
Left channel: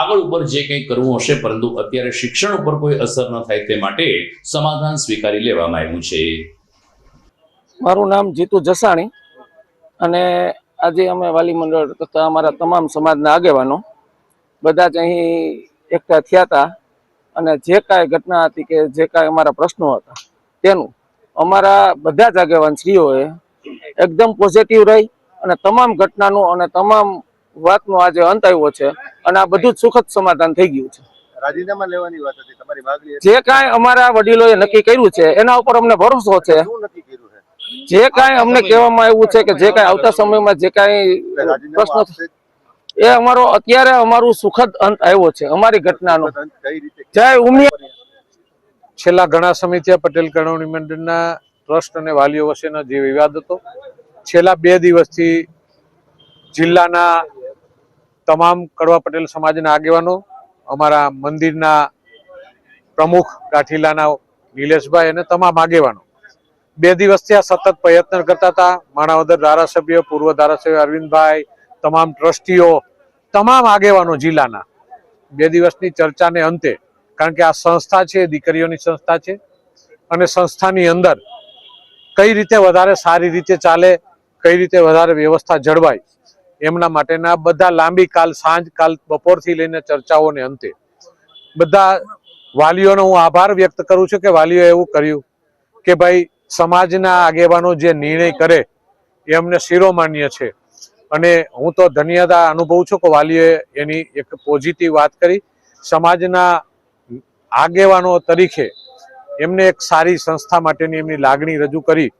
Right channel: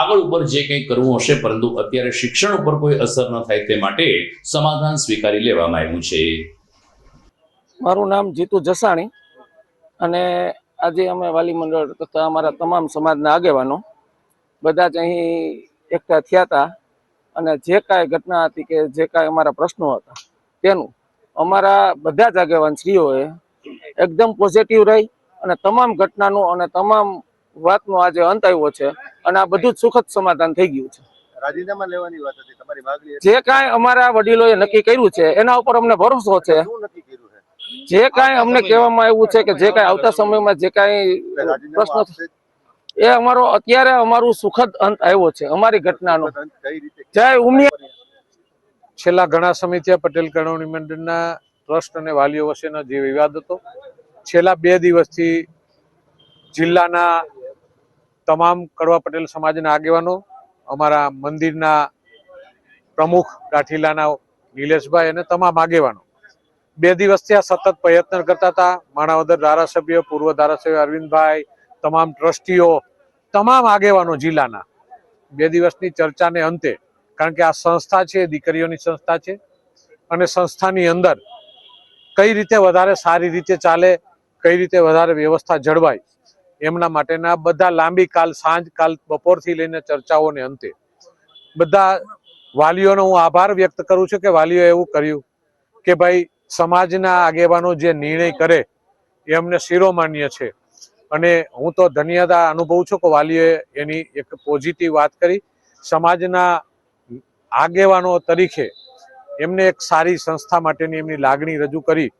આગળ ઉપર જે કંઈ કરવું હશે, પરંતુ અત્યારે શિક્ષણ ઉપર કોઈ અસર ન થાય તે માટે સમાધાન સ્વીકારી લેવામાં આવ્યું છે. મારું નામ જીતુ જસાણી અને આજે અમે વાલી મંડળ તથા અમારા તમામ સમાજના આગેવાનો બધા જ અહીં એકઠા થયા હતા અને જે કાંઈ ઘટના હતી કે જે કાંઈ અમારા પ્રશ્નો હતા તેનું અમારા બધા જ આગેવાન શ્રીઓએ એકદમ પોઝિટિવ રહી અને તમામ ઘટનાનું અને તમામ વાતનો આજે અંત આવ્યો છે અને આ બધું જ સુખદ સમાધાન થઈ ગયું છે. રાજીનામા લેવાની વાત હતી, તમારી માંગણી જે કાંઈ અમારા વડીલોએ નક્કી કર્યું છે એના ઉપર અમને ભરોસો છે. જે કાંઈ અમને કહેવામાં આવ્યું છે કે જે કાંઈ આવતા સમયમાં જે કાંઈ પ્રશ્ન એ અમારો અત્યારે અમારું સુખદ અંત આવ્યો છે અમારી ઘટનાનો. જય ઉમિયા. છેલ્લા ઘણા સમયથી પટેલ કેળવણી મંડળના ટ્રસ્ટ અને વાલીઓ વચ્ચેનો જે વિવાદ હતો, છેલ્લા 2 દિવસથી જિલ્લાના તમામ કડવા પટેલ સમાજના આગેવાનો, અમારા મંદિરના પ્રમુખ ગાંઠીલાના નિલેશભાઈ અને તમામ આગેવાનો 2 દિવસથી આ સતત પ્રયત્ન કરતા હતા. માણાવદર ધારાસભ્ય, પૂર્વ ધારાસભ્ય અરવિંદભાઈ, તમામ ટ્રસ્ટીઓ, તમામ આગેવાનો જિલ્લાના 2 દિવસની ચર્ચાને અંતે, કારણ કે આ સંસ્થા છે, દીકરીઓની સંસ્થા છે અને સંસ્થાની અંદર કઈ રીતે વધારે સારી રીતે ચાલે, કઈ રીતે વધારે વ્યવસ્થા જળવાય, એમના માટેના બધા લાંબી સાંજ બપોરથી લઈને ચર્ચાઓને અંતે બધા વાલીઓનો હું આભાર વ્યક્ત કરું છું કે વાલીઓએ એવું કર્યું કે ભાઈ સમાજના આગેવાનો જે નિર્ણય કરે એ અમને શિરોમાન્ય છે. અને હું તો ધન્યતા અનુભવું છું કે વાલીઓએ એની એક પોઝિટિવ વાત કરી. સમાજના આગેવાનો તરીકે એમને એક સારી સંસ્થા માટેની એમની લાગણી રજૂ કરી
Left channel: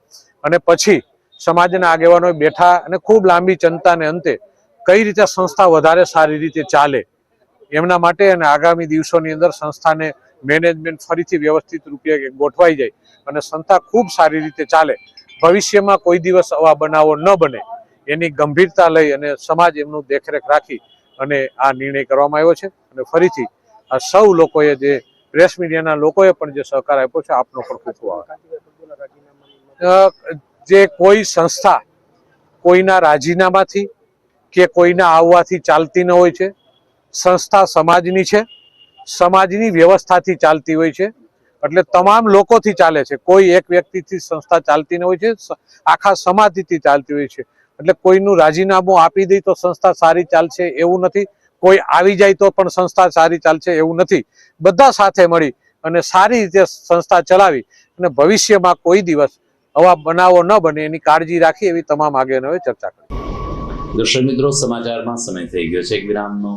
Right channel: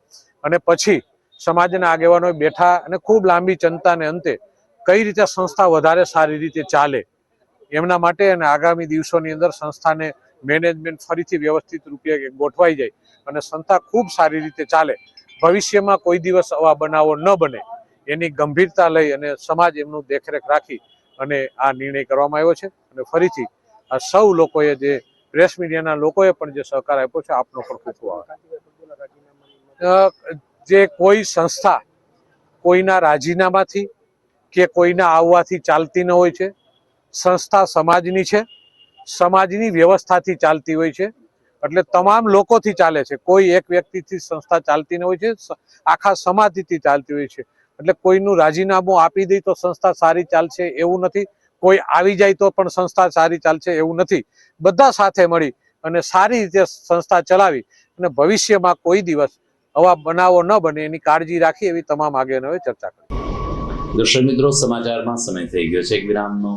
અને પછી સમાજના આગેવાનો બેઠા અને ખૂબ લાંબી ચિંતાને અંતે કઈ રીતે સંસ્થા વધારે સારી રીતે ચાલે એમના માટે અને આગામી દિવસોની અંદર સંસ્થાને મેનેજમેન્ટ ફરીથી વ્યવસ્થિત રૂપે ગોઠવાઈ જાય અને સંસ્થા ખૂબ સારી રીતે ચાલે, ભવિષ્યમાં કોઈ દિવસ આવા બનાવો ન બને એની ગંભીરતા લઈ અને સમાજ એમનું દેખરેખ રાખી અને આ નિર્ણય કરવામાં આવ્યો છે. અને ફરીથી આ સૌ લોકોએ, જે પ્રેસ મીડિયાના લોકોએ પણ જે સહકાર આપ્યો છે, આપનો પણ ખૂબ ખૂબ આભાર. જે કોઈ સંસ્થા કોઈના રાજીનામાથી કે કોઈના આવવાથી ચાલતી ન હોય છે. સંસ્થા સમાજની છે, સમાજની વ્યવસ્થાથી ચાલતી હોય છે, એટલે તમામ લોકોથી ચાલે છે. કોઈ એક વ્યક્તિથી સંસ્થા ચાલતી ન હોય છે, આખા સમાજથી ચાલતી હોય છે. એટલે કોઈનું રાજીનામું આપી દે તો સંસ્થા સારી ચાલશે એવું નથી, કોઈ આવી જાય તો પણ સંસ્થા સારી ચાલશે એવું નથી. બધા સાથે મળી અને સારી રીતે સંસ્થા ચલાવી અને ભવિષ્યમાં કોઈ દિવસ આવા બનાવો ન બને એની કાળજી રાખી એવી તમામ આગેવાનોએ ચર્ચા કરી. દર્શક મિત્રો, સમાચારમાં સમય થઈ ગયો છે એક વિરામનો.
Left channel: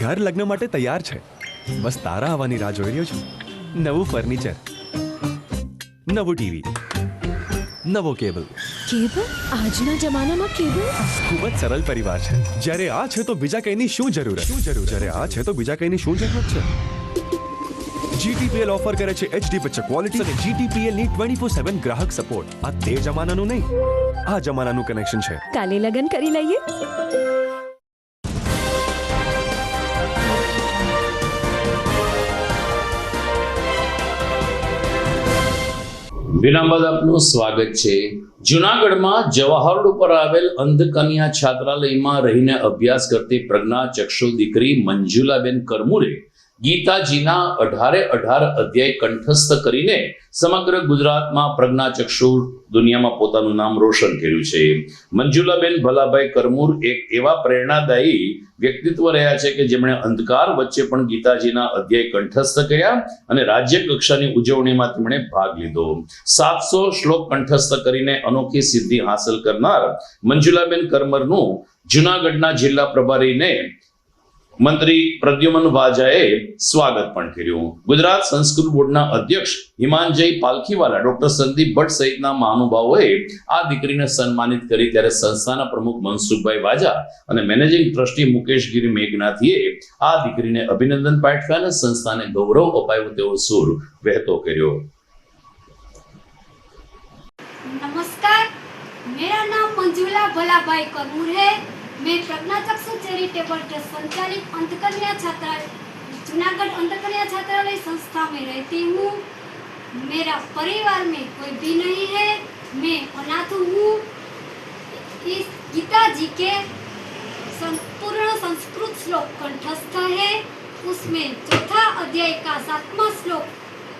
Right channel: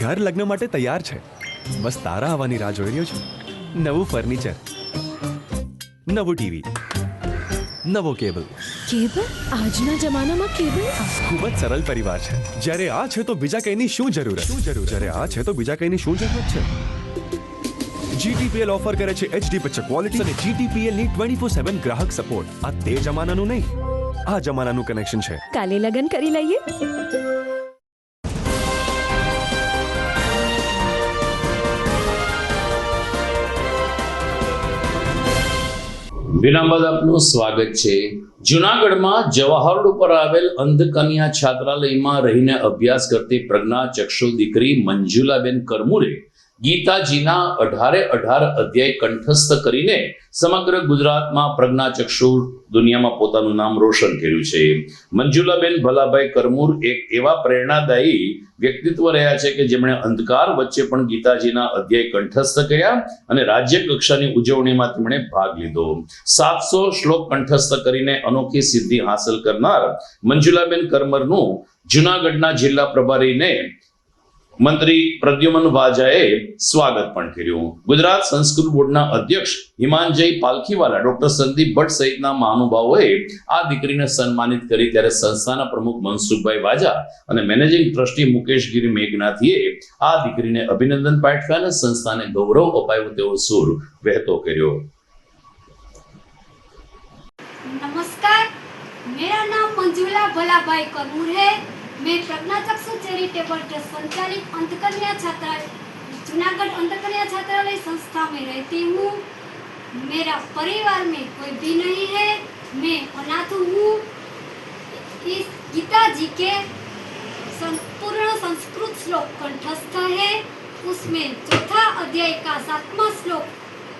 ઘર લગ્ન માટે તૈયાર છે, બસ તારા આવવાની રાહ જોઈ રહ્યો છું. નવું ફર્નિચર, નવું ટીવી, નવો કેબલ. કેબલ? આજના જમાનામાં કેબલ? ખૂબ જ સરળ પરિવાર છે. જ્યારે આ છે તો બીજા કઈની શું જરૂરત? જ્યારે આ છે તો બીજા કઈની શું જરૂરત છે? GTPL ઓફર કરે છે HD પિક્ચર ક્વોલિટી અને GTPL ની 24/7 ગ્રાહક સપોર્ટ. આ તે જમાનાનું નહીં, આ જમાનાનું કનેક્શન છે. કાલે લગન કરી લઈએ. વિરામ બાદ આપનું સ્વાગત છે. જુનાગઢમાં જવાહર રોડ ઉપર આવેલ અંધકન્યા છાત્રાલયમાં રહીને અભ્યાસ કરતી પ્રજ્ઞાચક્ષુ દીકરી મંજુલાબેન કરમુરે ગીતાજીના 18 અધ્યાય કંઠસ્થ કરીને સમગ્ર ગુજરાતમાં પ્રજ્ઞાચક્ષુ દુનિયામાં પોતાનું નામ રોશન કર્યું છે. મંજુલાબેન ભલાભાઈ કરમુર એક એવા પ્રેરણાદાયી વ્યક્તિત્વ રહ્યા છે કે જેમણે અંધકાર વચ્ચે પણ ગીતાજીના અધ્યાય કંઠસ્થ કર્યા અને રાજ્ય કક્ષાની ઉજવણીમાં તેમણે ભાગ લીધો. 700 શ્લોક કંઠસ્થ કરીને અનોખી સિદ્ધિ હાંસલ કરનાર મંજુલાબેન કરમરનું જુનાગઢના જિલ્લા પ્રભારીને મંત્રી પ્રદ્યુમન વાજાએ સ્વાગત પણ કર્યું. ગુજરાત સંસ્કૃત બોર્ડના અધ્યક્ષ હિમાંજય પાલખીવાલા, ડોક્ટર સંદીપ ભટ્ટ સહિતના મહાનુભાવોએ આ દીકરીને સન્માનિત કરી ત્યારે સંસ્થાના પ્રમુખ મનસુખભાઈ વાજા અને મેનેજિંગ ટ્રસ્ટી મુકેશગીરી મેઘનાથીએ આ દીકરીને અભિનંદન પાઠવ્યા અને સંસ્થાને ગૌરવ અપાયું તેવો સૂર વહેતો કર્યો. नमस्कार, मेरा नाम मंजूला भलाभाई करमूर है. मैं प्रज्ञाचक्षु चैरिटेबल ट्रस्ट संचालित अंधकन्या छात्रालय जूनागढ़ अंधकन्या छात्रालय संस्था में रहती हूँ. मेरा परिवार में कोई भी नहीं है. मैं अनाथ हूँ. इस गीता जी के संपूर्ण संस्कृत श्लोक कंठस्थ है. उसमें चौथा अध्याय का 7वां श्लोक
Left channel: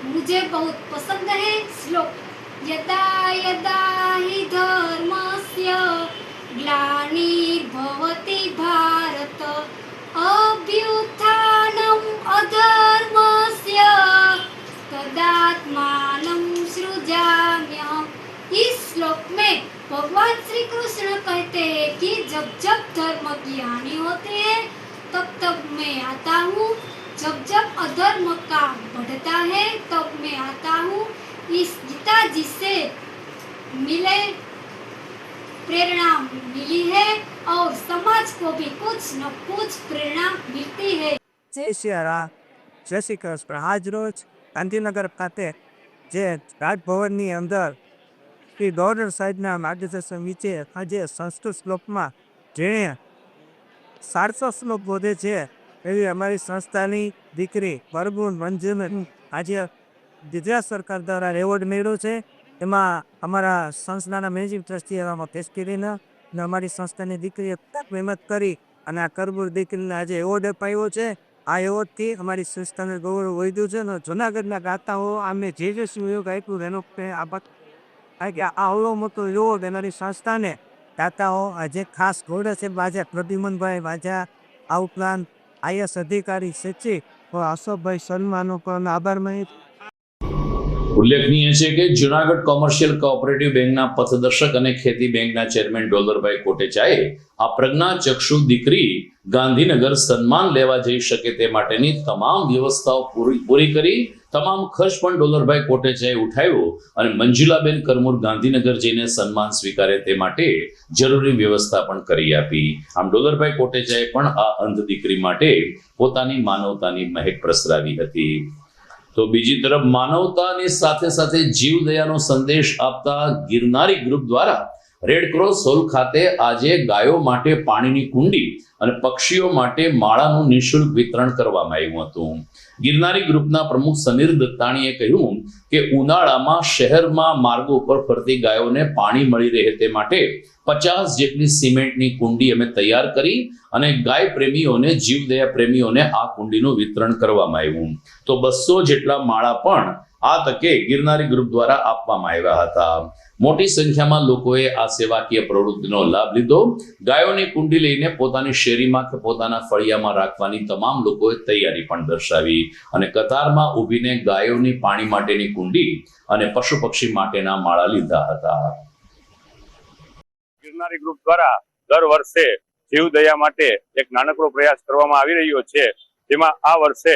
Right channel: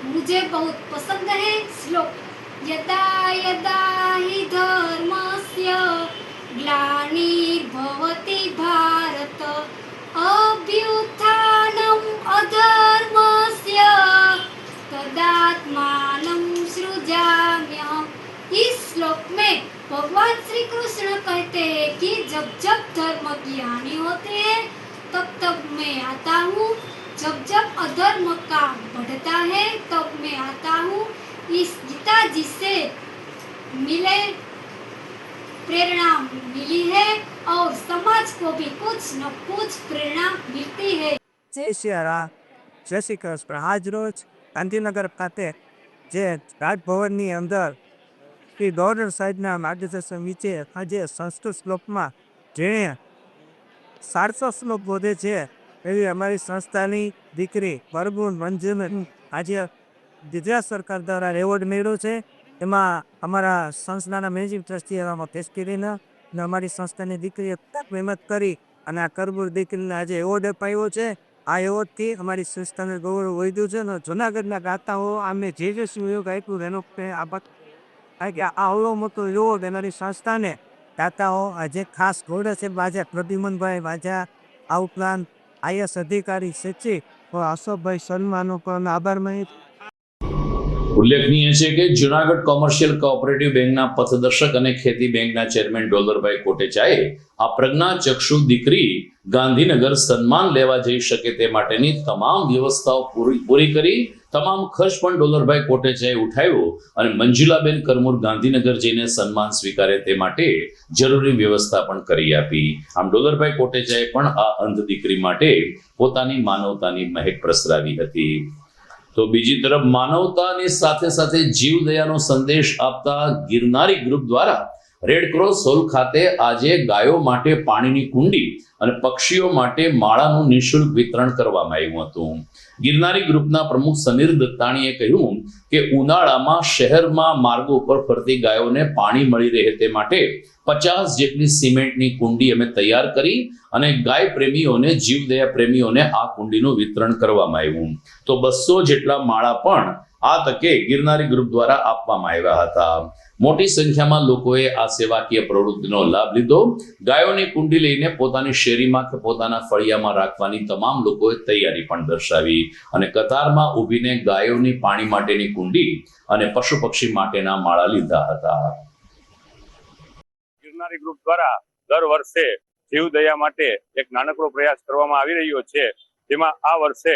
मुझे बहुत पसंद है. श्लोक यदा यदा हि धर्मस्य ग्लानिर्भवति भारत अभ्युत्थानम् अधर्मस्य तदात्मानं सृजाम्यहम्. इस श्लोक में भगवान श्री कृष्ण कहते हैं कि जब जब धर्म की हानि होती है तब तब मैं आता हूँ. जब जब अधर्म का बढ़ता है तब मैं आता हूँ. इस गीता जी से मिले प्रेरणा मिली है और समाज को भी कुछ न कुछ प्रेरणा मिलती है. जय श्री राम, जय श्री कृष्ण. आज रोज गांधीनगर खाते जे રાજભવનની અંદર શ્રી ગવર્નર સાહેબના માર્ગદર્શન નીચે આજે સંસ્કૃત શ્લોકમાં જેણે 700 શ્લોક બોધે છે એવી અમારી સંસ્થાની દીકરી પરમુર મંજુને આજે ગુજરાત સરકાર દ્વારા એવોર્ડ મેળવ્યો છે. એમાં અમારા સંસ્થાના મેનેજિંગ ટ્રસ્ટી એવામાં પેશકરીને અને અમારી સંસ્થાની દીકરીએ ખૂબ મહેનત કરી અને આ કરમુર દીકરીને આજે એવોર્ડ અપાયો છે. આ એવોર્ડથી અમારી સંસ્થાને ગૌરવ વધ્યું છે અને જૂનાગઢના ગાતાઓ અમે જે સહયોગ આપ્યું એનો આભાર. આ આવડો મોટો એવોર્ડ અમારી સંસ્થાને ગાતાઓ આજે ખાસ ગૌરવ છે. આજે પ્રદ્યુમનભાઈ વાજા આ ઉપરાંત IAS અધિકારી સચિવ અશોકભાઈ શર્માનો પણ આભાર માની. ઉલ્લેખનીય છે કે જુનાગઢ કોમર્શિયલ કોઓપરેટિવ બેંકના પથદર્શક અને ખેતી બેંકના ચેરમેન ડોલરભાઈ કોટેચાએ આ પ્રજ્ઞાચક્ષુ દીકરી ગાંધીનગર સન્માન લેવા જઈ શકે તે માટેની તમામ વ્યવસ્થાઓ પૂરી કરી. તમામ ખર્ચ પણ ડોલરભાઈ કોટેચાએ ઉઠાવ્યો અને મંજુલાબેન કરમુર ગાંધીનગર જઈને સન્માન સ્વીકારે તે માટે જરૂરી વ્યવસ્થા પણ કરી આપી. આમ ડોલરભાઈ કોટેચાએ પણ આ અંધ દીકરી માટે પોતાની માનવતાની મહેક પ્રસરાવી હતી. તો બીજી તરફ માનવતાની સાથે સાથે જીવદયાનો સંદેશ આપતા ગિરનારી ગ્રુપ દ્વારા રેડક્રોસ હોલ ખાતે આજે ગાયો માટે પાણીની કુંડી અને પક્ષીઓ માટે માળાનું નિઃશુલ્ક વિતરણ કરવામાં આવ્યું હતું. ગિરનારી ગ્રુપના પ્રમુખ સમીર દત્તાણીએ કહ્યું કે ઉનાળામાં શહેરમાં માર્ગો ઉપર ફરતી ગાયોને પાણી મળી રહે તે માટે 50 જેટલી સિમેન્ટની કુંડી અમે તૈયાર કરી અને ગાય પ્રેમીઓને જીવદયા પ્રેમીઓને આ કુંડીનું વિતરણ કરવામાં આવ્યું. તો 200 જેટલા માળા પણ આ તકે ગિરનારી ગ્રુપ દ્વારા આપવામાં આવ્યા હતા. મોટી સંખ્યામાં લોકોએ આ સેવાકીય પ્રવૃત્તિનો લાભ લીધો. ગાયોની કુંડી લઈને પોતાની શેરીમાં કે પોતાના ફળિયામાં રાખવાની તમામ લોકોએ તૈયારી પણ દર્શાવી અને કતારમાં ઊભીને ગાયોની પાણી માટેની કુંડી અને પશુ પક્ષી માટેના માળા લીધા હતા. ગિરનારી ગ્રુપ દ્વારા દર વર્ષે જીવદયા માટે એક નાનકડો પ્રયાસ કરવામાં આવી રહ્યો છે. જેમાં આ વર્ષે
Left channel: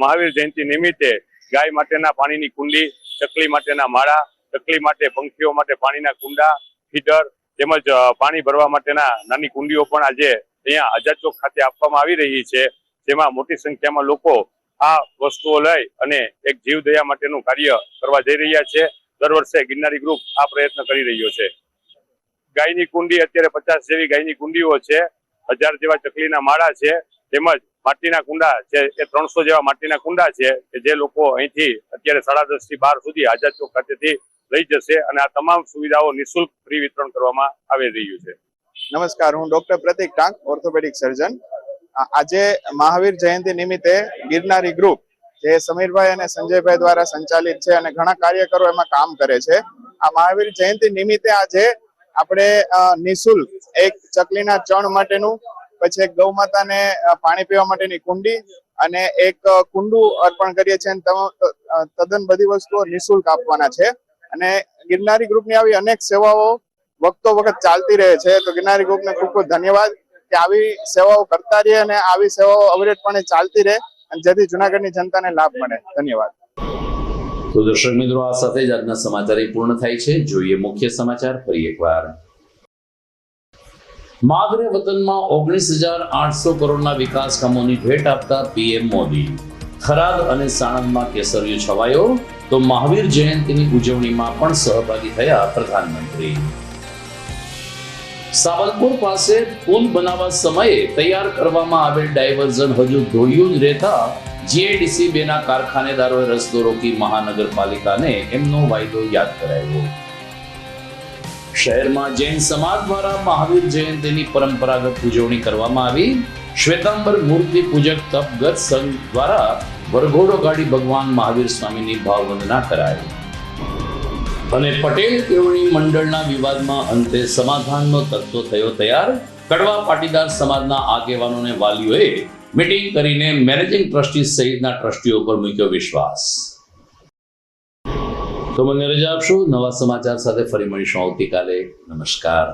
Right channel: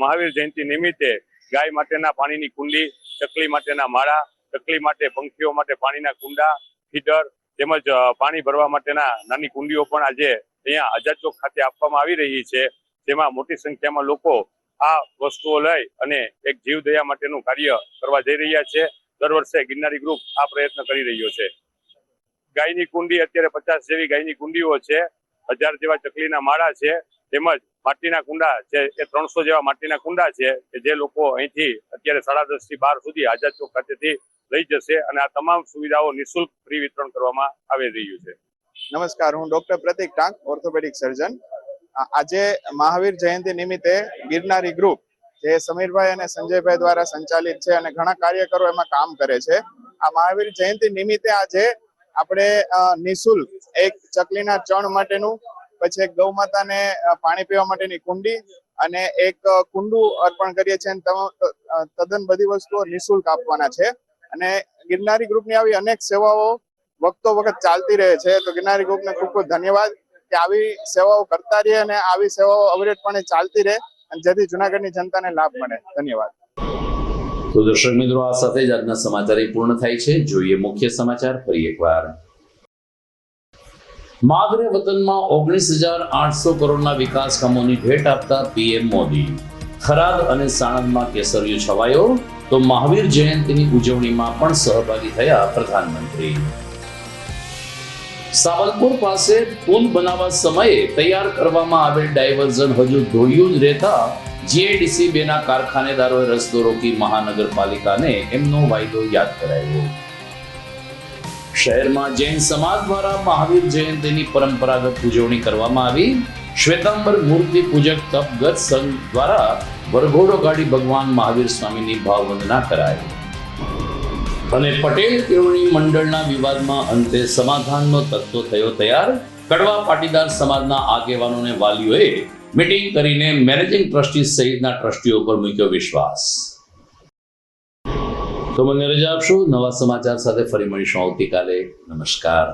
મહાવીર જયંતિ નિમિત્તે ગાય માટેના પાણીની કુંડી, ચકલી માટેના માળા, ચકલી માટે પંખીઓ માટે પાણીના કુંડા, ફીડર તેમજ પાણી ભરવા માટેના નાની કુંડીઓ પણ આજે અહીંયા આઝાદ ચોક ખાતે આપવામાં આવી રહી છે. જેમાં મોટી સંખ્યામાં લોકો આ વસ્તુઓ લઈ અને એક જીવદયા માટેનું કાર્ય કરવા જઈ રહ્યા છે. દર વર્ષે ગિરનારી ગ્રુપ આ પ્રયત્ન કરી રહ્યો છે. ગાયની કુંડી અત્યારે 50 જેવી ગાયની કુંડીઓ છે, 1000 જેવા ચકલીના માળા છે, તેમજ માટીના કુંડા છે એ 300 જેવા માટીના કુંડા છે કે જે લોકો અહીંથી અત્યારે 10:30 થી 12 સુધી આઝાદ ચોક ખાતેથી લઈ જશે અને આ તમામ સુવિધાઓ નિઃશુલ્ક ફ્રી વિતરણ કરવામાં આવી રહ્યું છે. નમસ્કાર, હું ડોક્ટર પ્રતિક ટાંક, ઓર્થોપેડિક સર્જન. આજે મહાવીર જયંતિ નિમિત્તે ગિરનારી ગ્રુપ જે સમીરભાઈ અને સંજયભાઈ દ્વારા સંચાલિત છે અને ઘણા કાર્યકરો એમાં કામ કરે છે. આ મહાવીર જયંતિ નિમિત્તે આજે આપણે નિઃશુલ્ક એક ચકલીના ચણ માટેનું, પછી એક ગૌ માતાને પાણી પીવા માટેની કુંડી અને એક કુંડું અર્પણ કરીએ છીએ. તદ્દન બધી વસ્તુઓ નિઃશુલ્ક આપવાના છે અને ગિરનારી ગ્રુપની આવી અનેક સેવાઓ વખતો વખત ચાલતી રહે છે. તો ગિરનારી ગ્રુપને ખૂબ ખૂબ ધન્યવાદ કે આવી સેવાઓ કરતા રહે અને આવી સેવાઓ અવિરતપણે ચાલતી રહે અને જેથી જુનાગઢની જનતાને લાભ મળે. ધન્યવાદ. તો દર્શક મિત્રો, આ સાથે જ આજના સમાચાર પૂર્ણ થાય છે. જોઈએ મુખ્ય સમાચાર ફરી એકવાર. માદરે વતનમાં 19,800 કરોડના વિકાસ કામોની ભેટ આપતા પીએમ મોદી. થરાદ અને સાણંદમાં કેસરિયો છવાયો, તો મહાવીર જયંતિની ઉજવણીમાં પણ સહભાગી થયા પ્રધાનમંત્રી. સાવલપુર પાસે પુલ બનાવવા સમયે તૈયાર કરવામાં આવેલ ડાયવર્ઝન હજુ ધોળિયું જ રહેતા જીઆઈડીસી 2 ના કારખાનેદારોએ રસ્તો રોકી મહાનગરપાલિકાને એમનો વાયદો યાદ કરાવ્યો. શહેરમાં જૈન સમાજ દ્વારા મહાવીર જયંતિની પરંપરાગત ઉજવણી કરવામાં આવી. શ્વેતાંબર મૂર્તિ પૂજક તપગત સંઘ દ્વારા વરઘોડો કાઢી ભગવાન મહાવીર સ્વામીની ભાવવંદના કરાઈ. અને પટેલ કેળવણી મંડળના વિવાદમાં અંતે સમાધાનનો તત્વ થયો તૈયાર. કડવા પાટીદાર સમાજના આગેવાનોને વાલીઓએ મીટિંગ કરીને મેનેજિંગ ટ્રસ્ટી સહિતના ટ્રસ્ટીઓ પર મૂક્યો વિશ્વાસ. તો મને રજા આપશો. નવા સમાચાર સાથે ફરી મળીશું આવતીકાલે. નમસ્કાર.